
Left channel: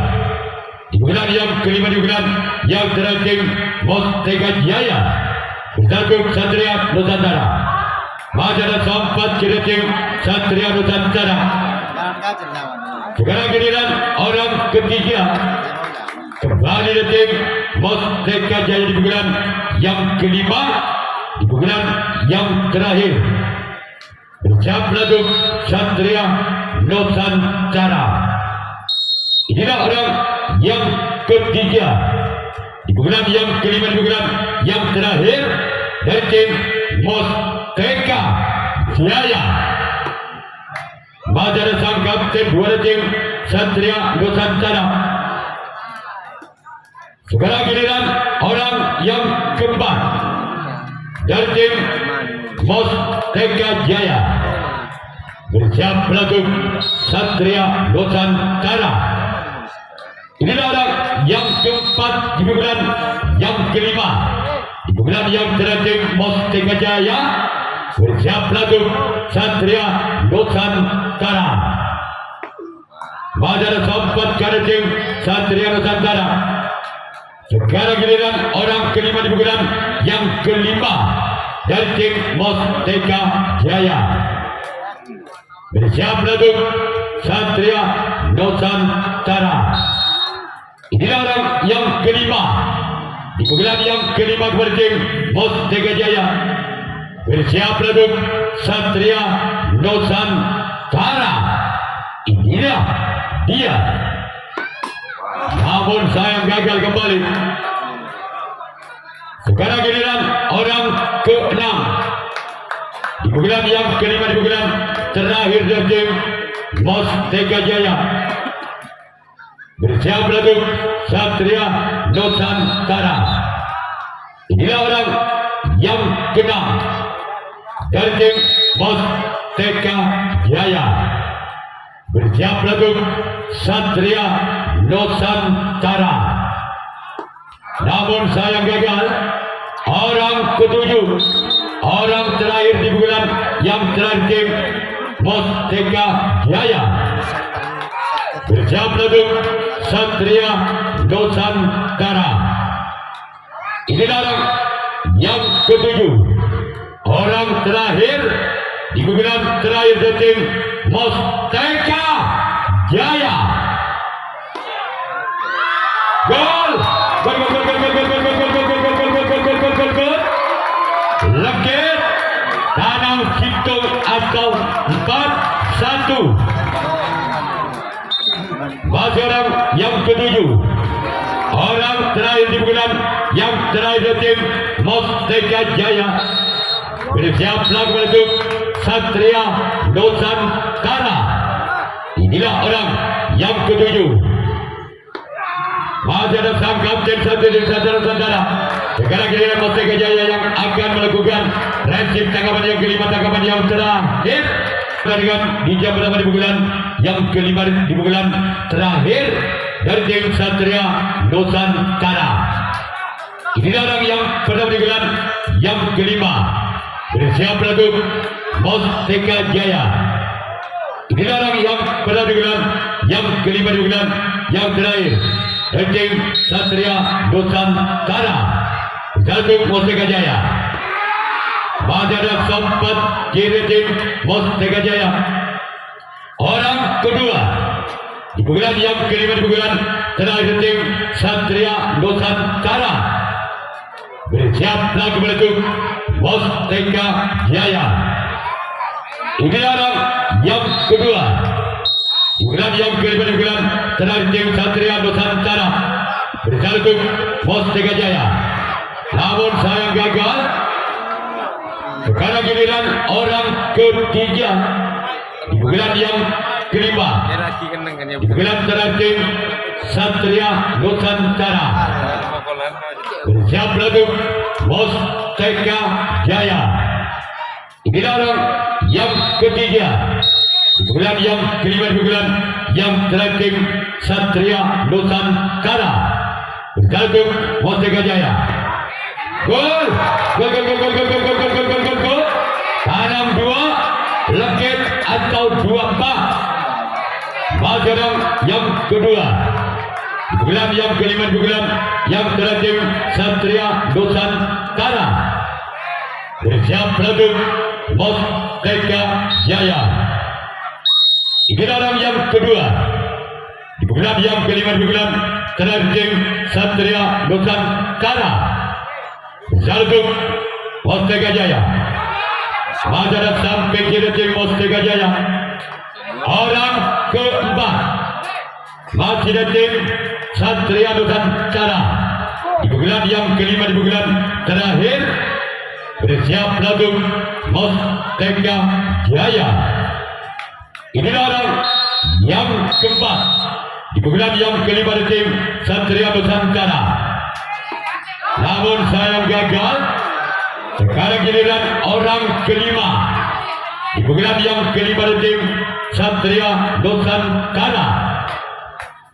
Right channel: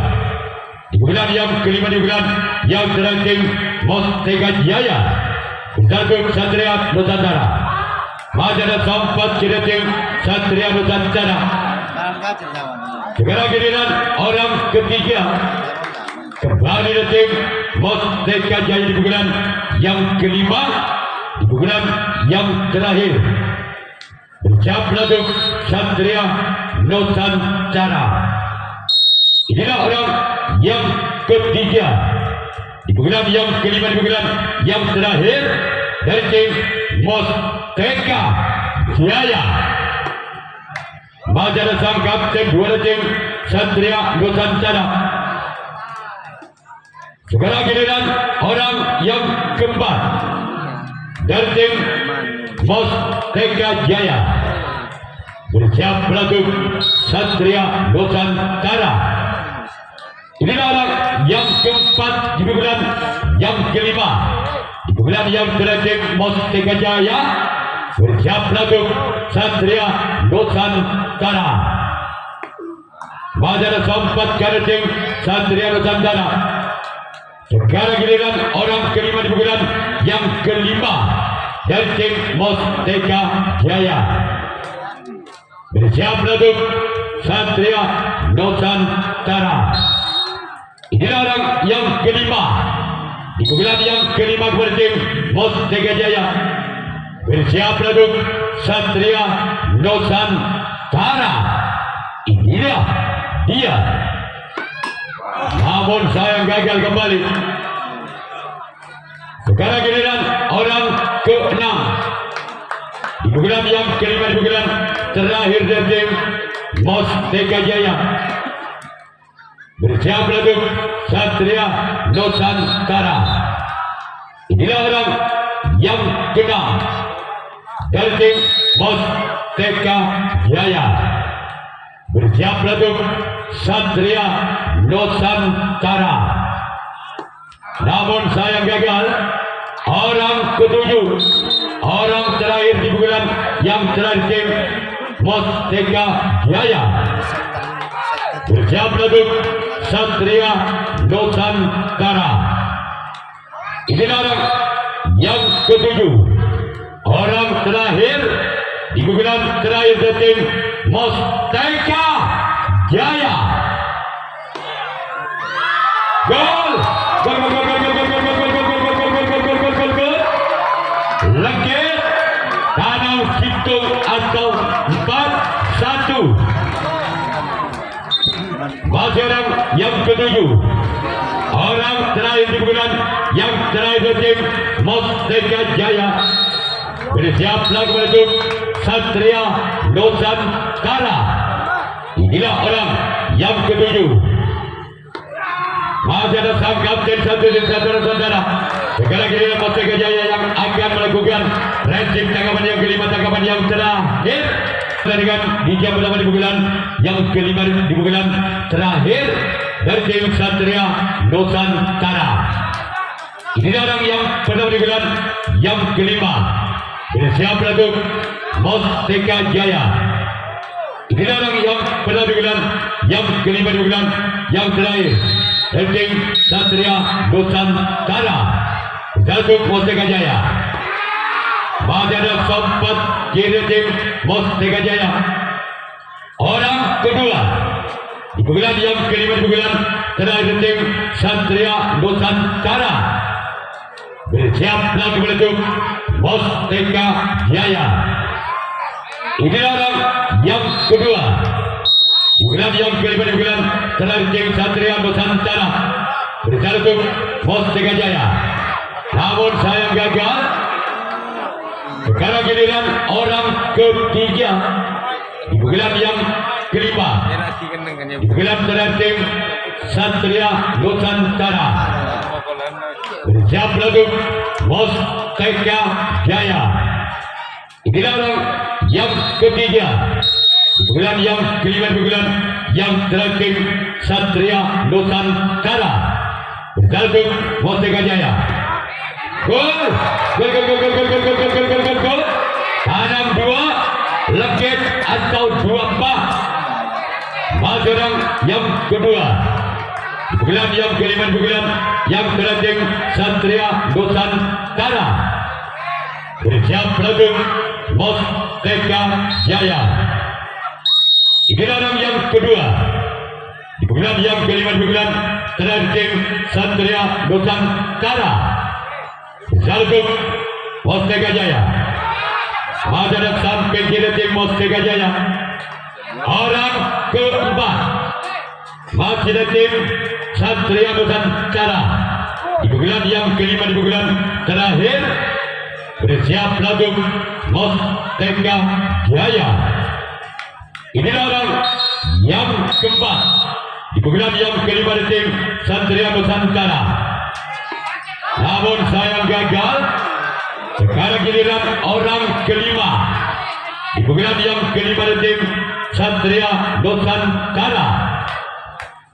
di bulan yang kelima, di bulan yang terakhir tim Musteka Jaya bersatu Satria Nusantara. Majalah sempat dari tim Satria Nusantara. Sekarang giliran orang ketiga kembali dari tim Musteka Jaya di bulan yang kelima, di bulan yang terakhir bersiap lagu Satria Nusantara. Inilah orang yang ketiga di bulan yang kelima, di bulan yang terakhir dari tim Musteka Jaya. Majalah sang kapten dua tim Satria Nusantara. Sekarang giliran orang yang keempat dari tim Musteka Jaya bersiap lagu Satria Nusantara. Inilah orang yang keempat di bulan yang kelima, di bulan yang terakhir Musteka Jaya bersiap lagu Satria Nusantara. Majalah sempat dari tim Satria Nusantara. Sekarang giliran orang kelima di bulan yang kelima dari tim Musteka Jaya bersiap lagu Satria Nusantara. Inilah orang yang kelima di bulan yang kelima dari tim Musteka Jaya bersiap lagu Satria Nusantara. Inilah dia. Namun sayang gagal kembali. Sekarang giliran orang ke-6 di bulan yang kelima, di bulan terakhir dari tim Musteka Jaya bersiap lagu Satria Nusantara. Inilah orang yang ke-6 dari tim Musteka Jaya bersiap lagu Satria Nusantara. Namun sayang gagal. Orang ketujuh, orang terakhir di bulan yang terakhir tim Musteka Jaya bersiap lagu Satria Nusantara. Inilah orang yang ketujuh, orang terakhir di guguran terakhir dari tim Mustaka Jaya. Gol! Gol! Gol! Gol! Gol! Gol! Gol! Gol! Gol! Gol! Gol! Gol! Gol! Gol! Gol! Legit Danau hitung atau 4-1. Masih orang yang ketujuh, orang terakhir di bulan yang terakhir tim Mustaka Jaya bersiap lagi untuk Satria Nusantara. Inilah orang yang ketujuh. Masih ada sang kapten Satria Nusantara. Sekarang giliran Mustaka Jaya yang akan melakukan resip tanggapan yang kelima, tanggapan yang terakhir. Pertandingan di jam pertama di bulan yang kelima di bulan terakhir dari tim Satria Nusantara. Inilah orang yang pertama di bulan yang kelima bersiap untuk Mustaka Jaya. Inilah orang yang pertama di bulan yang kelima di bulan yang terakhir dari tim Satria Nusantara. Satu Mustaka Jaya. Masih ada sempat kiri tim Mustaka Jaya. Orang kedua di bulan yang kelima di bulan terakhir tim Satria Nusantara bersiap lagi untuk Mustaka Jaya. Inilah orang yang kedua di bulan yang kelima di bulan terakhir tim Satria Nusantara bersiap untuk Mustaka Jaya. Namun sayang gagal. Sekarang giliran orang ketiga di bulan yang kelima di bulan terakhir tim Satria Nusantara bersiap untuk Mustaka Jaya. Inilah orang yang ketiga di bulan yang kelima di bulan yang terakhir tim Satria Nusantara bersiap untuk Mustaka Jaya. Gol! Gol! Gol! Gol! Gol! Gol! Gol! Gol! Gol! Gol! Gol! Gol! Tanam dua, legit atau dua pak. Masih orang yang kedua. Bulan yang kelima bulan yang terakhir Satria Nusantara bersiap untuk Mustaka Jaya. Inilah orang yang kedua. Di bulan yang kelima bulan terakhir Satria Nusantara Saltuk Mustaka Jaya. Masih ada sampai kiri tim Mustaka Jaya. Orang keempat masih ada tim Satria Nusantara. Di bulan yang kelima di bulan terakhir bersiap untuk Mustaka Jaya. Inilah orang yang keempat di bulan yang kelima di tim Satria Nusantara. Namun sayang gagal. Sekarang giliran orang kelima di bulan yang kelima di tim Satria Nusantara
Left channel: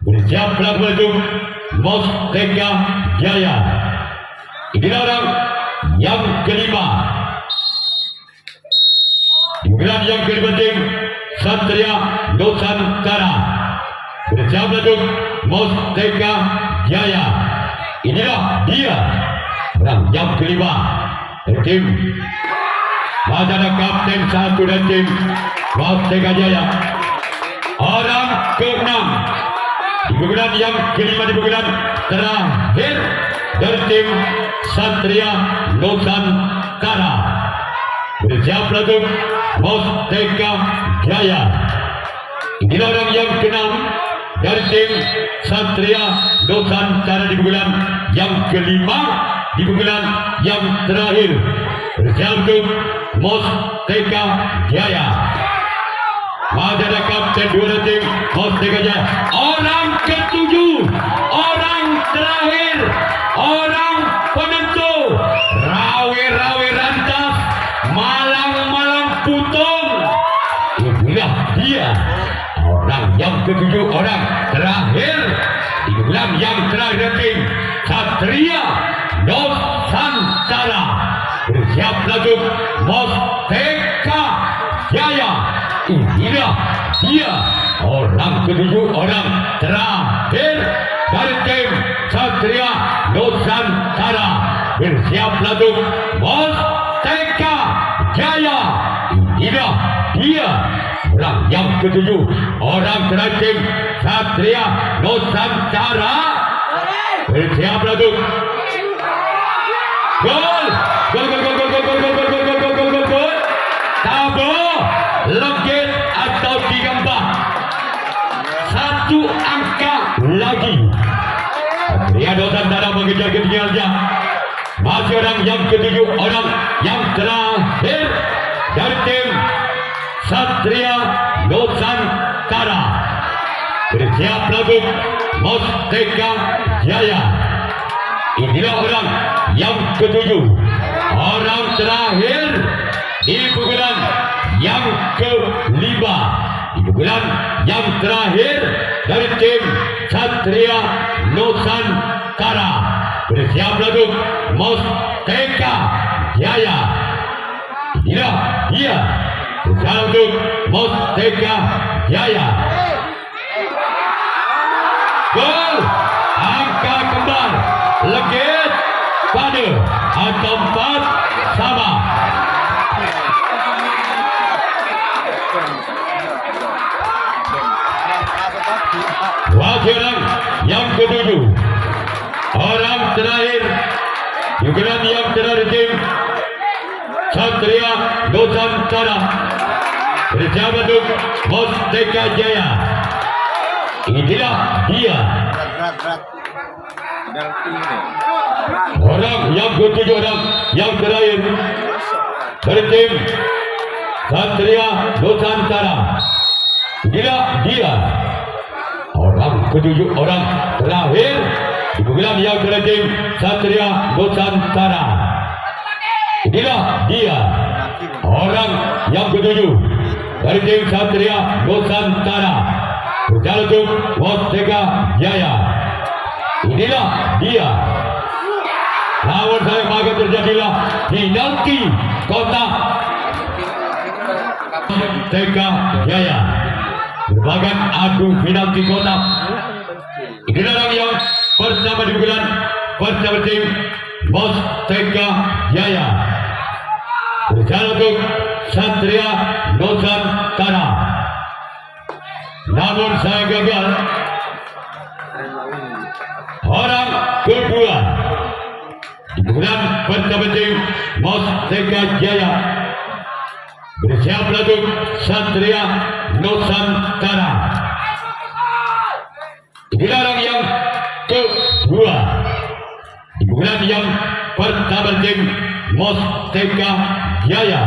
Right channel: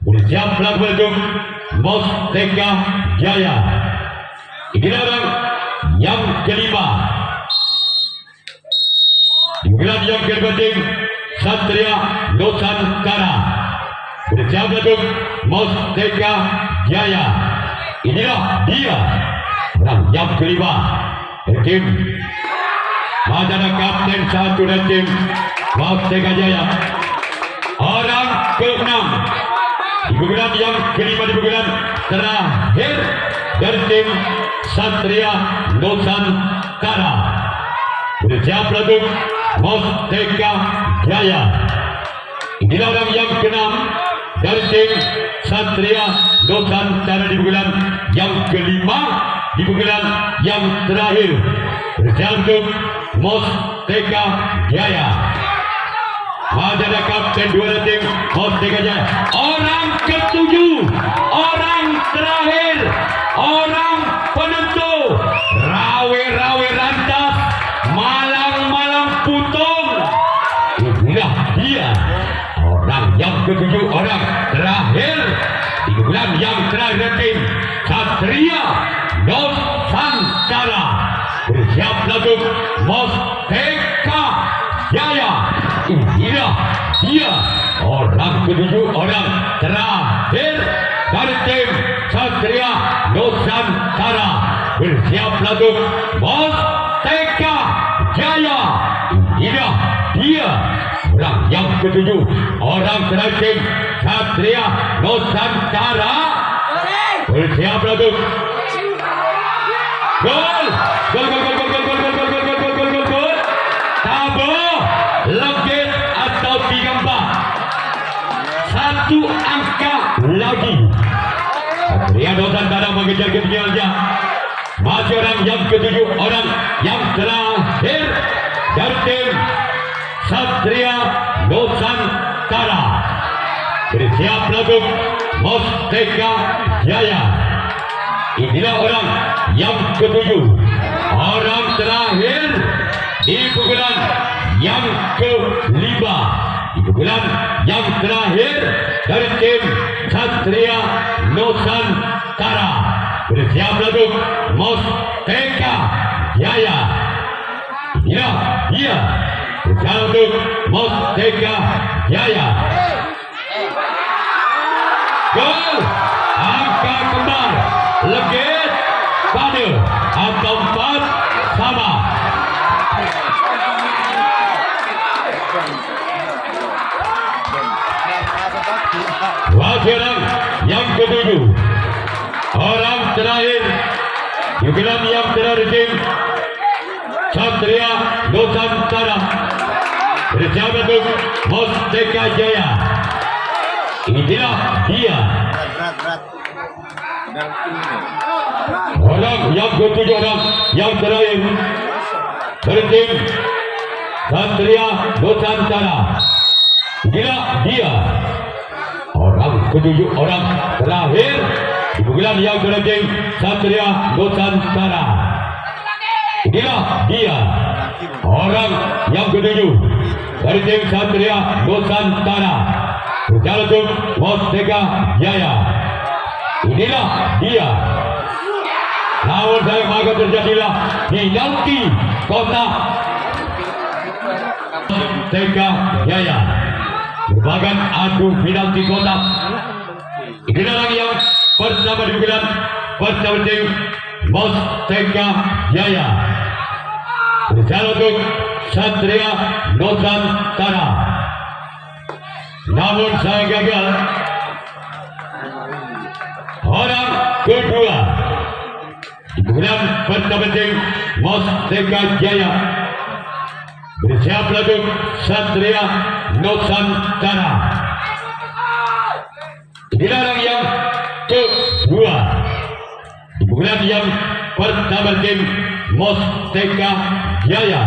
bersiap untuk Mustaka Jaya. Inilah orang yang kelima di bulan yang kelima tim Satria Nusantara bersiap untuk Mustaka Jaya. Inilah dia orang yang kelima dari tim Madana Kapten 1 dan tim Mustaka Jaya. Orang keenam di bulan yang kelima di bulan terakhir dari tim Satria Nusantara bersiap untuk Mustaka Jaya. Inilah orang yang keenam dari tim Satria Nusantara di bulan yang kelima di bulan yang terakhir bersiap untuk Mustaka Jaya. Ada kapten dua tim Mustaka Jaya. Orang ketujuh, orang terakhir, orang penentu, rawe-rawe rantas, malang-malang putung. Inilah dia orang yang ketujuh, orang terakhir di bulan yang terakhir tim Satria Nusantara bersiap untuk Mustaka Jaya. Inilah dia orang ketujuh, orang terakhir dari tim Satria Nusantara bersiap untuk Mustaka Jaya. Inilah orang terakhir Satria Nusantara. Bersiap lagu. Gol. Gol gol gol gol gol gol gol gol gol gol gol gol gol. Tabo legit atau 34. Satu angka lagi. Satria Nusantara mengejar ketinggalannya. Masih orang yang ketujuh, orang yang terakhir dari tim Satria Nusantara. Bersiap lagu Mustaka Jaya. Inilah orang yang ketujuh, orang terakhir di pukulan yang kelima, di pukulan yang terakhir dari tim Satria Nusantara. Bersiap lagu Mustaka Jaya. Inilah dia, bersiap lagu Mustaka Jaya. Gol, angka kembar, legit, pada atau 4 sama. Wajaran yang ketujuh, orang terakhir, jugaran yang terakhir tim Satria Nusantara. Bersiap untuk Mustaka Jaya. Inilah dia, orang yang ketujuh, orang yang terakhir dari tim Satria Nusantara. Inilah dia, orang ketujuh, orang terakhir di pukulan yang dari tim Satria Nusantara. Inilah dia, orang yang ketujuh dari tim Satria Nusantara. Berjalan untuk Mustaka Jaya. Inilah dia, lawan saya maka terjadilah penalti kotak Mustaka Jaya. Merupakan adu penalti kotak. Inilah orang yang pertama di bulan bersama tim Mustaka Jaya. Berjalan untuk Satria Nusantara. Namun saya gagal. Orang kedua di bulan pertama tim Mustaka Jaya. Bersiap lagu Satria Nusantara. Inilah orang yang kedua di bulan yang pertama tim Mustaka Jaya.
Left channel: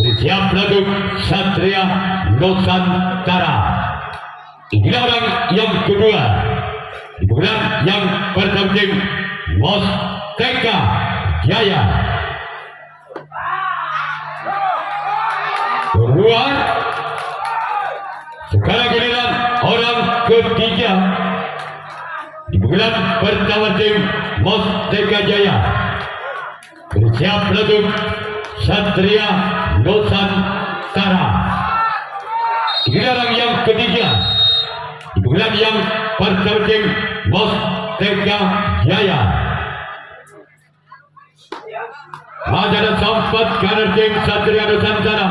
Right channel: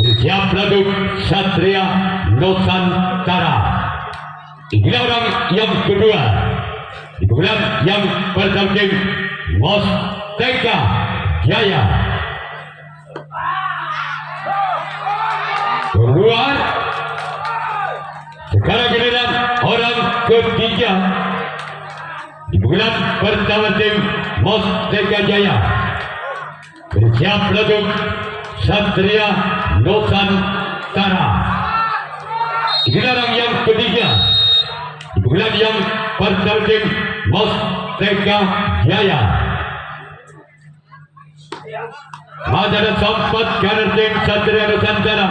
Bersiap lagu Satria Nusantara. Inilah orang yang kedua di bulan yang pertama tim Mustaka Jaya. Keluar. Sekarang giliran orang ketiga di bulan pertama tim Mustaka Jaya. Bersiap lagu Satria Nusantara. Inilah orang yang ketiga di bulan yang pertama tim Mustaka Jaya. Masih ada sempat kanan tim Satria Nusantara.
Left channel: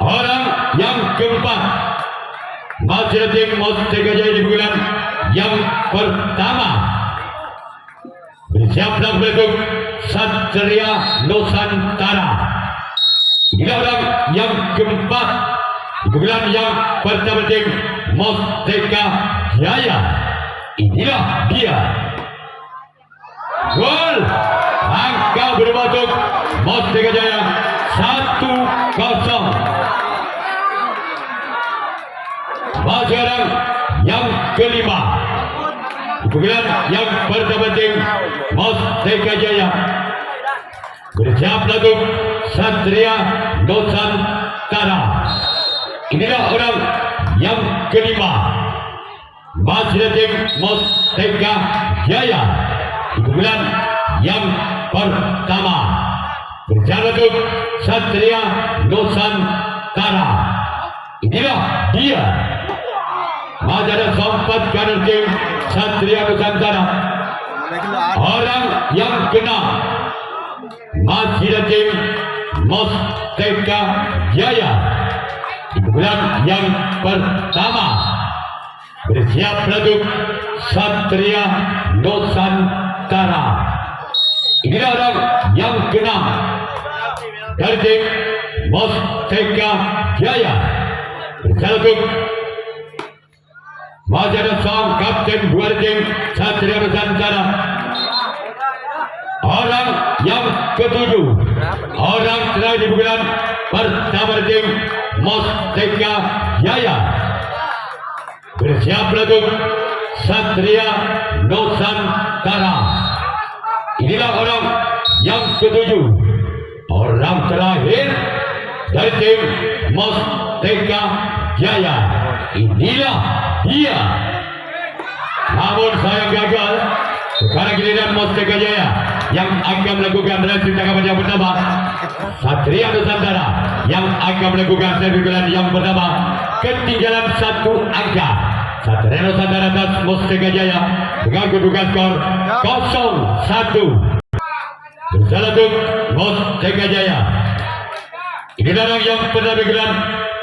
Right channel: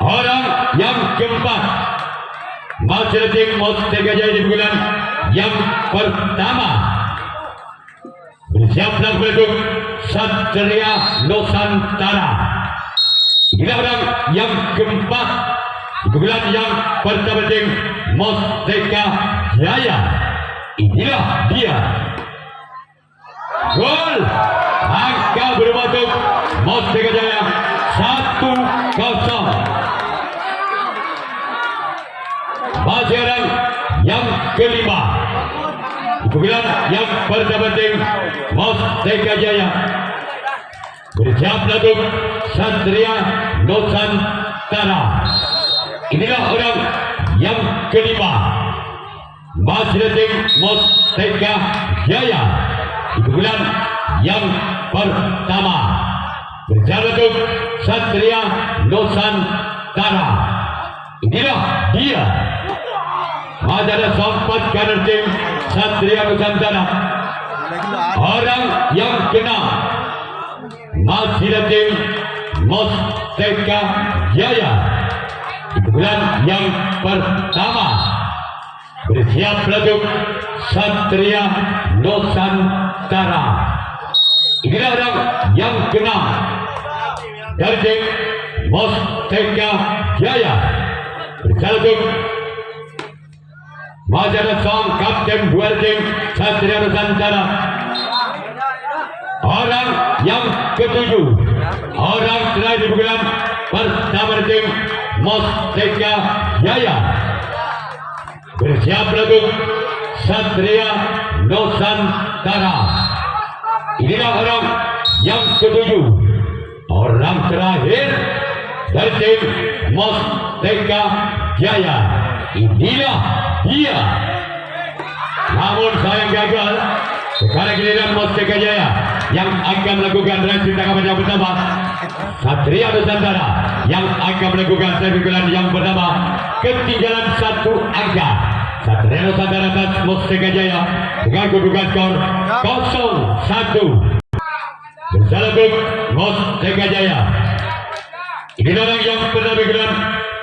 Orang yang keempat masih ada tim Mustaka Jaya di bulan yang pertama. Bersiap lagu Satria Nusantara. Inilah orang yang keempat di bulan yang pertama tim Mustaka Jaya. Inilah dia. Gol, angka bermasuk Mustaka Jaya 1-0. Masih orang yang kelima di bulan yang pertama tim Mustaka Jaya. Bersiap lagu Satria Nusantara. Inilah orang yang kelima masih tim Mustaka Jaya di bulan yang pertama. Berjalan untuk Satria Nusantara. Inilah dia. Masih ada sempat kanan tim Satria Nusantara. Orang yang keenam masih ada tim Mustaka Jaya di Bulan yang pertama bersiap untuk Satria Nusantara. Inilah orang yang keenam dari tim Mustaka Jaya. Bersalutut Wajah sang kapten dua tim Satria Nusantara. Orang yang ketujuh, orang terakhir di bulan pertama tim Mustaka Jaya. Bersiap untuk Satria Nusantara. Inilah orang yang ketujuh, orang terakhir dari tim Mustaka Jaya. Inilah dia. Namun saya gagal. Sekarang giliran Mustaka Jaya yang akan melakukan racun tangkapan yang pertama. Satria Nusantara yang akan melakukan servis yang pertama. Ketinggalan satu angka. Satria Nusantara dan Mustaka Jaya dengan kedudukan skor 0-1. Bersalutut Mustaka Jaya. Inilah orang yang pernah bergerak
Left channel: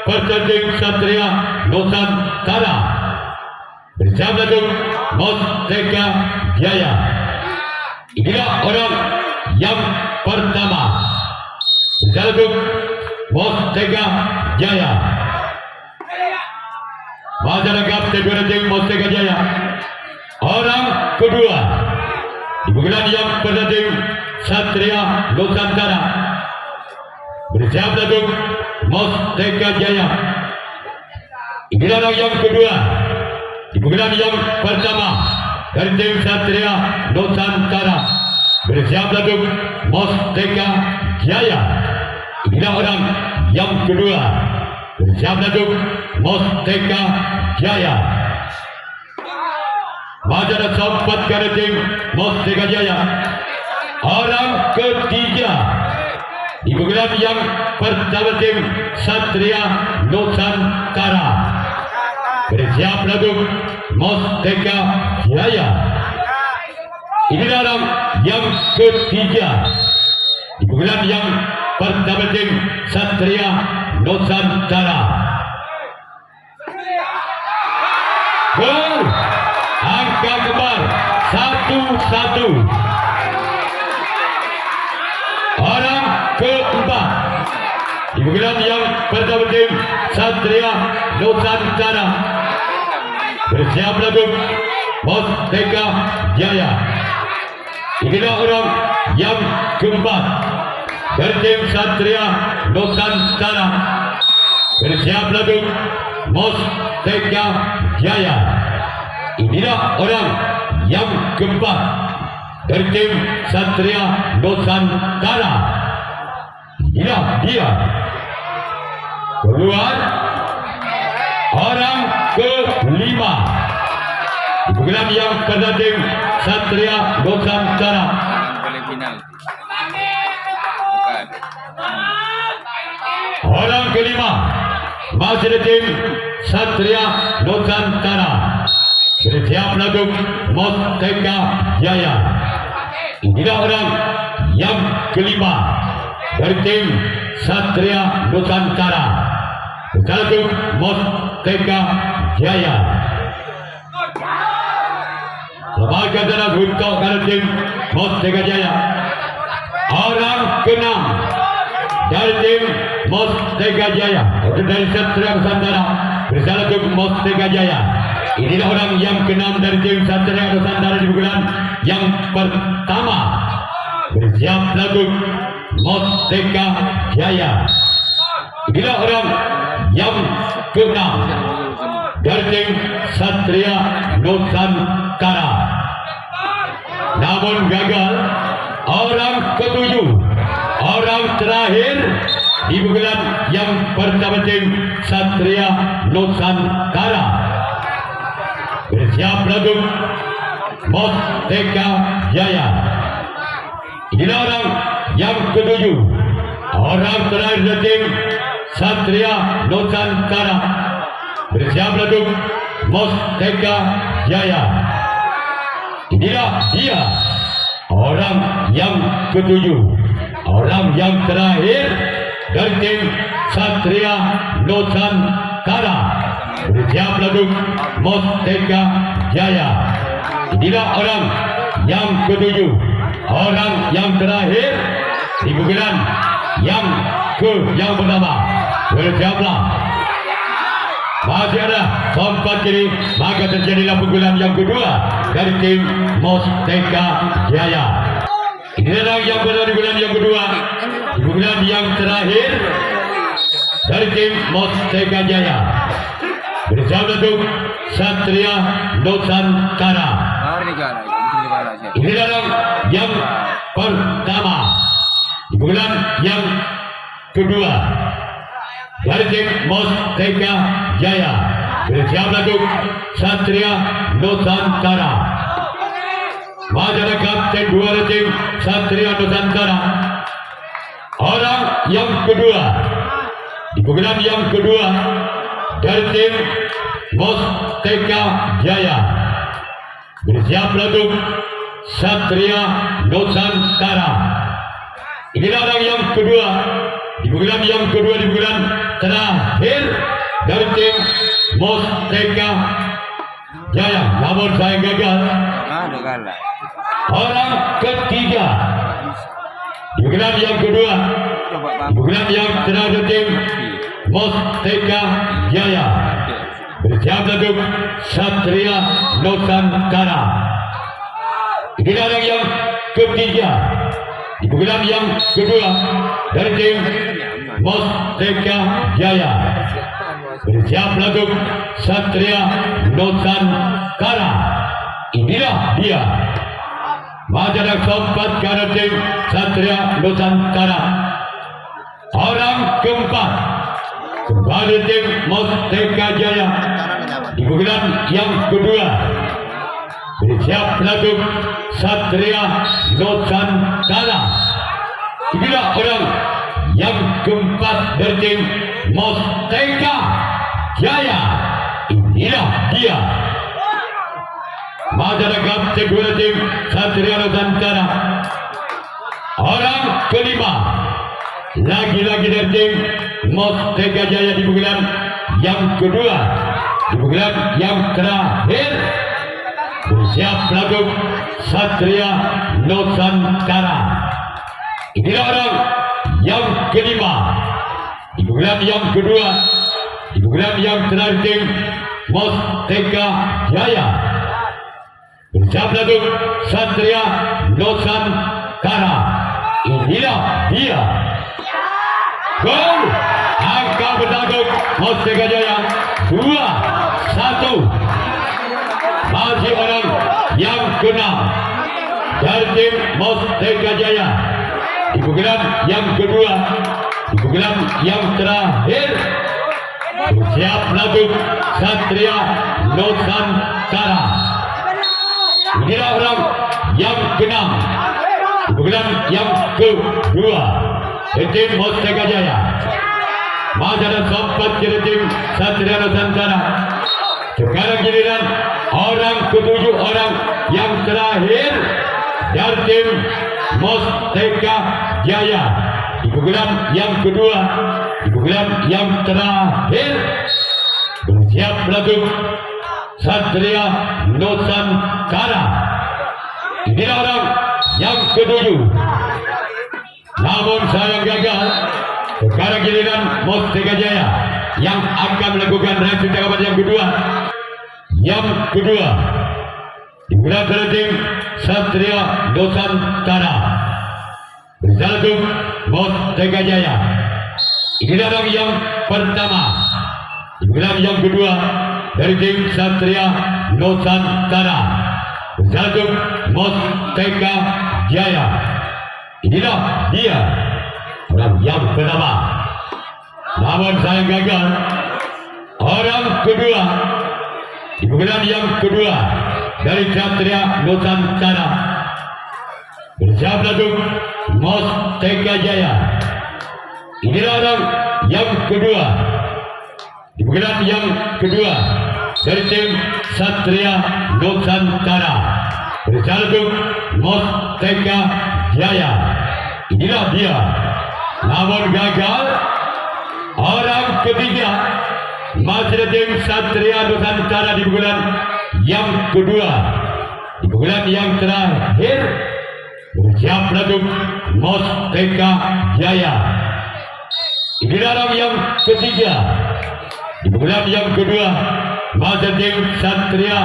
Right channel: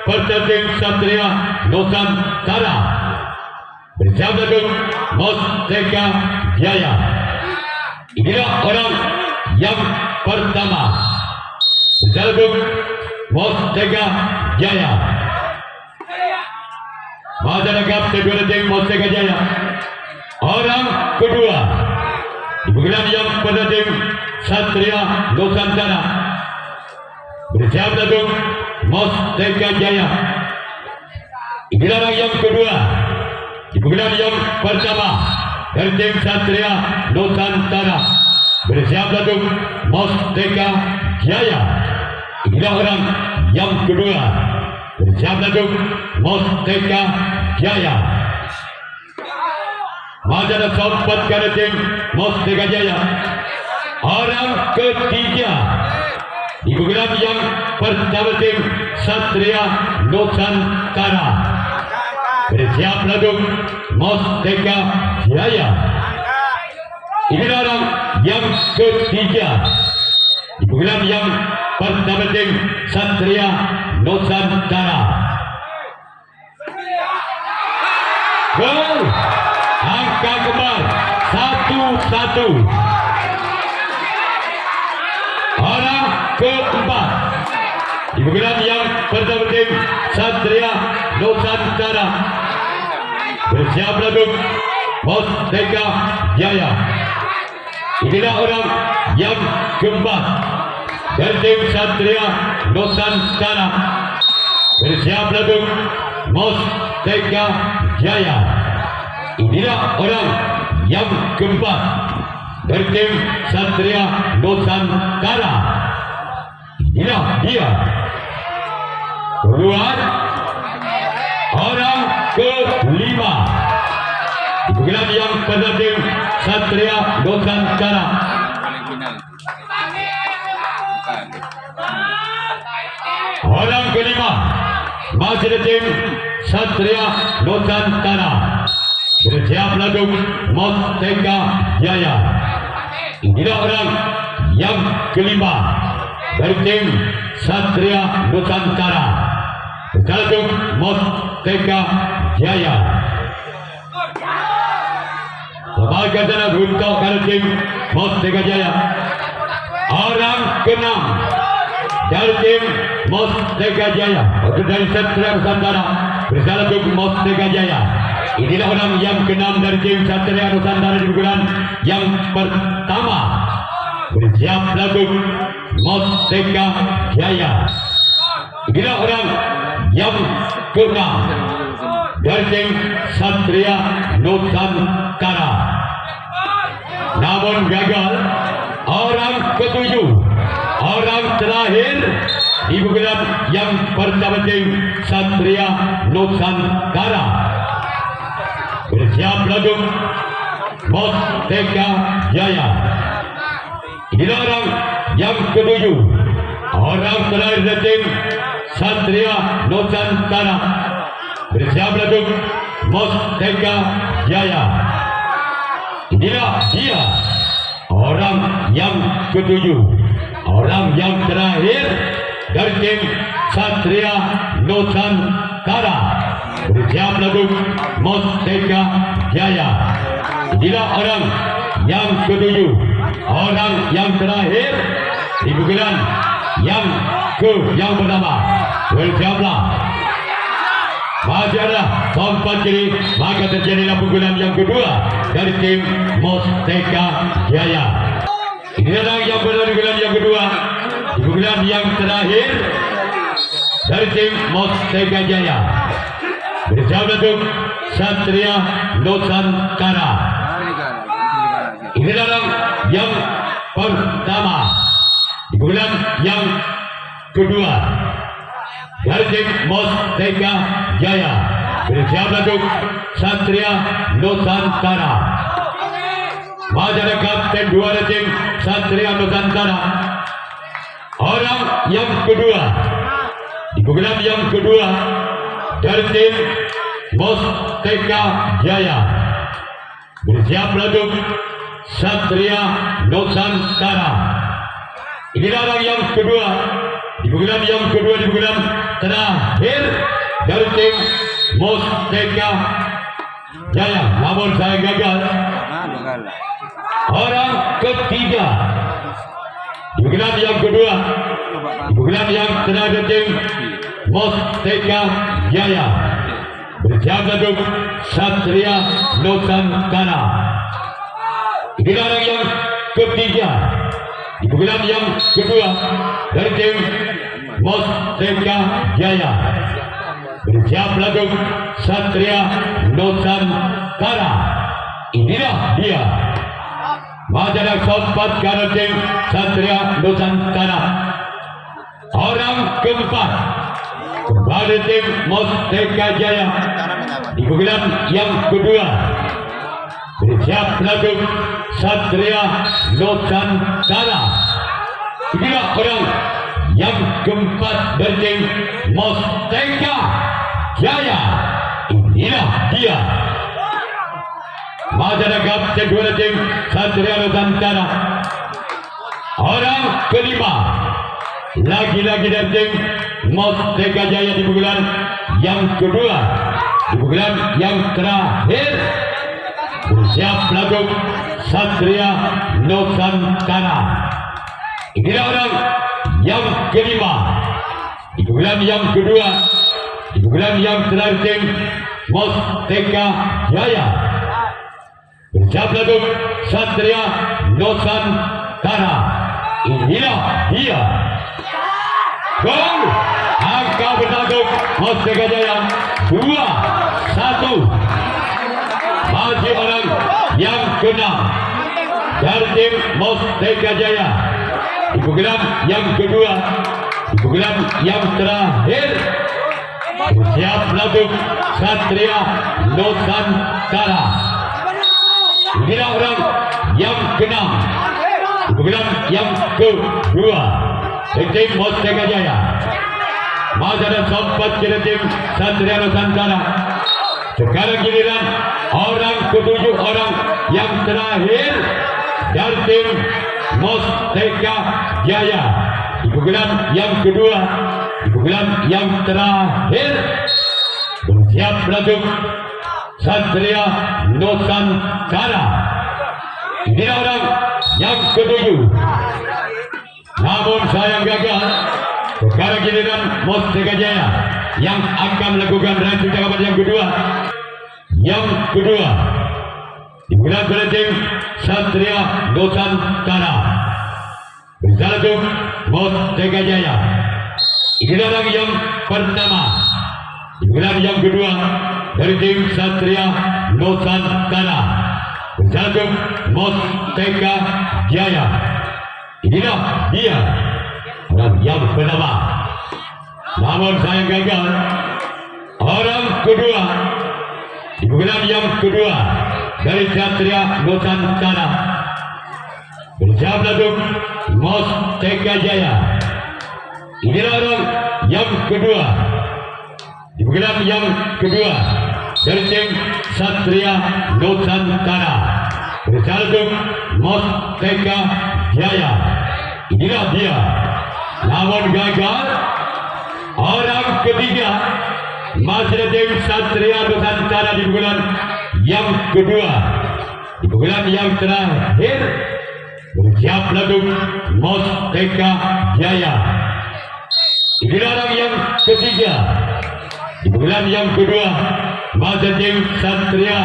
pertanding Satria Nusantara. Bersalutut Mustaka Jaya. Inilah orang yang pertama. Bersalutut Mustaka Jaya. Masyarakat Tegurajeng Mustaka Jaya. Orang kedua di bulan yang pertanding Satria Nusantara. Bersiap untuk Mustaka Jaya. Inilah orang yang kedua di bulan yang pertama dari tim Satria Nusantara. Bersiap untuk Mustaka Jaya. Inilah orang yang kedua. Bersiap untuk Mustaka Jaya. Majalah sempat dari tim Mustaka Jaya. Orang ketiga di bulan yang pertama tim Satria Nusantara. Bersiap untuk Mustaka Jaya. Inilah orang yang ketiga di bulan yang pertama tim Satria Nusantara. Gol, angka kebal 1-1. Orang keempat di bulan yang pertama tim Satria Nusantara. Bersiap untuk Mustaka Jaya. Inilah orang yang keempat dari tim Satria Nusantara. Bersiap untuk Mustaka Jaya. Inilah orang yang keempat dari tim Satria Nusantara. Inilah dia. Keluar orang kelima di bulan yang pertama tim Satria Nusantara. Orang kelima masih di tim Satria Nusantara. Bersiap untuk Mustaka Jaya. Inilah orang yang kelima dari tim Satria Nusantara. Bersalutut Mustaka Jaya. Sebagai dalam untuk dari tim Mustaka Jaya. Orang keenam dari tim Mustaka Jaya. Itu dari Satria Nusantara. Bersalutut Mustaka Jaya. Inilah orang yang keenam dari tim Satria Nusantara di bulan yang pertama. Bersiap untuk Mustaka Jaya. Inilah orang yang keenam dari tim Satria Nusantara. Namun gagal. Orang ketujuh, orang terakhir di bulan yang pertama tim Satria Nusantara. Bersiap untuk Mustaka Jaya. Inilah orang yang ketujuh, orang terakhir dari tim Satria Nusantara. Bersiap untuk Mustaka Jaya. Inilah dia, orang yang ketujuh, orang yang terakhir dari tim Satria Nusantara. Bersiap lagu Mustaka Jaya. Inilah orang yang ketujuh, orang yang terakhir di pukulan yang pertama. Bersiaplah. Masih ada tempat kiri, maka terjadilah pukulan yang kedua dari tim Mustaka Jaya. Inilah yang pada pukulan yang kedua, pukulan yang terakhir dari tim Mustaka Jaya. Bersiap untuk Satria Nusantara. Inilah yang pertama, pukulan yang kedua dari tim Mustaka Jaya. Bersiap untuk Satria Nusantara. Masyarakat tim dua dari tim Satria Nusantara. Orang yang kedua, pukulan yang kedua dari tim Mustaka Jaya. Bersiap untuk Satria Nusantara. Inilah orang yang kedua, di bulan yang kedua, di bulan terakhir dari tim Mustaka Jaya. Namun saya gagal. Orang ketiga, di bulan yang kedua, di bulan yang terakhir tim Mustaka Jaya. Bersiap untuk Satria Nusantara. Inilah orang yang ketiga, di bulan yang kedua dari tim Mustaka Jaya. Bersiap untuk Satria Nusantara. Inilah dia. Majalah sempat karena tim Satria Nusantara. Orang keempat kembali tim Mustaka Jaya di bulan yang kedua. Bersiap untuk Satria Nusantara. Inilah orang yang keempat dari tim Mustaka Jaya. Inilah dia. Masyarakat kedua tim Satria Nusantara. Orang kelima, lagi-lagi dari tim Mustaka Jaya di bulan yang kedua, di bulan yang terakhir. Bersiap untuk Satria Nusantara. Inilah orang yang kelima, di bulan yang kedua, di bulan yang terakhir tim Mustaka Jaya. Bersiap untuk Satria Nusantara. Inilah dia. Gol. Angka bertanggung Mustaka Jaya 2-1. Masih orang yang keenam dari tim Mustaka Jaya di bulan yang kedua, di bulan yang terakhir. Bersiap untuk Satria Nusantara. Inilah orang yang keenam di bulan yang kedua di tim Mustaka Jaya. Masih ada sempat di tim Satria Nusantara. Sekarang giliran orang ketujuh, orang yang terakhir dari tim Mustaka Jaya di bulan yang kedua, di bulan yang terakhir. Bersiap untuk Satria Nusantara. Inilah orang yang ketujuh. Namun saya gagal. Sekarang giliran Mustaka Jaya yang akan melakukan reaksi tanggapan yang kedua. Yang kedua, di bulan tim Satria Nusantara. Bersatu Mustaka Jaya. Inilah orang yang pertama. Di bulan yang kedua dari tim Satria Nusantara. Bersatu Mustaka Jaya. Inilah dia. Orang yang pertama. Namun saya gagal. Orang kedua. Di bulan yang kedua dari Satria Nusantara. Bersiap untuk Mustaka Jaya. Inilah orang yang kedua. Di bulan yang kedua dari tim Satria Nusantara. Bersiap untuk Mustaka Jaya. Inilah dia. Namun gagal. Orang ketiga masih tim Satria Nusantara di bulan yang kedua. Di bulan yang terakhir bersiap lagu Musteka Jaya. Di dalam yang ketiga di bulan yang kedua masih tim Satria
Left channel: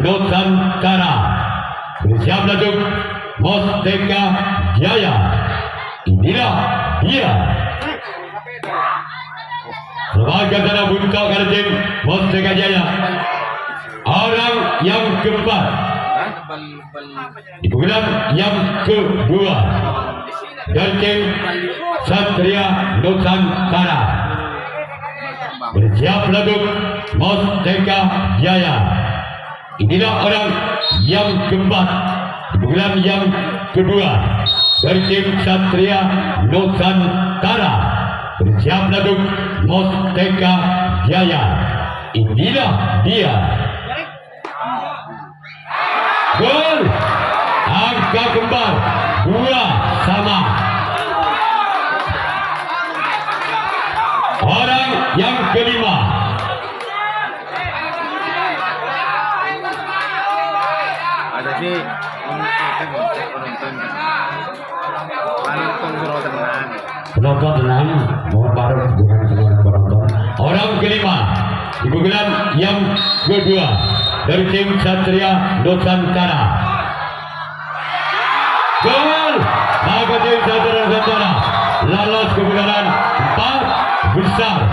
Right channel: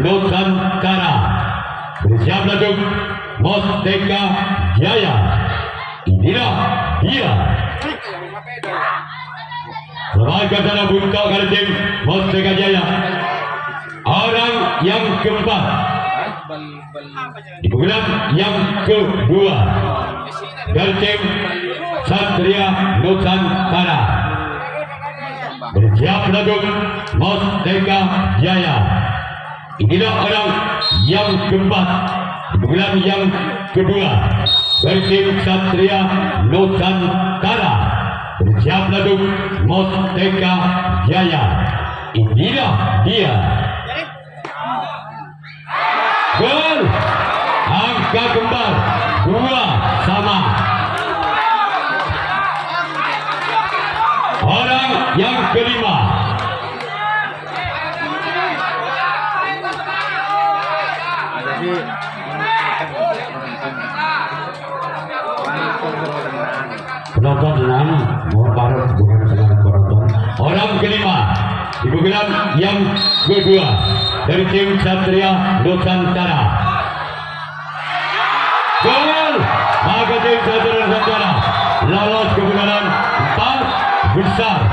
Nusantara bersiap lagu Musteka Jaya. Inilah dia sebagai cara buka tim Musteka Jaya. Orang yang keempat di bulan yang kedua dari tim Satria Nusantara bersiap lagu Musteka Jaya. Inilah orang yang keempat di bulan yang kedua dari tim Satria Nusantara bersiap lagu Musteka Jaya. Inilah dia. Gol angka kembar 2-2. Orang yang kelima Jadi penonton ini mohon maaf bukan sekedar penonton. Orang kelima di bulan yang kedua dari tim Satria Nusantara. Gol maka tim Satria Nusantara lolos ke putaran 4 besar.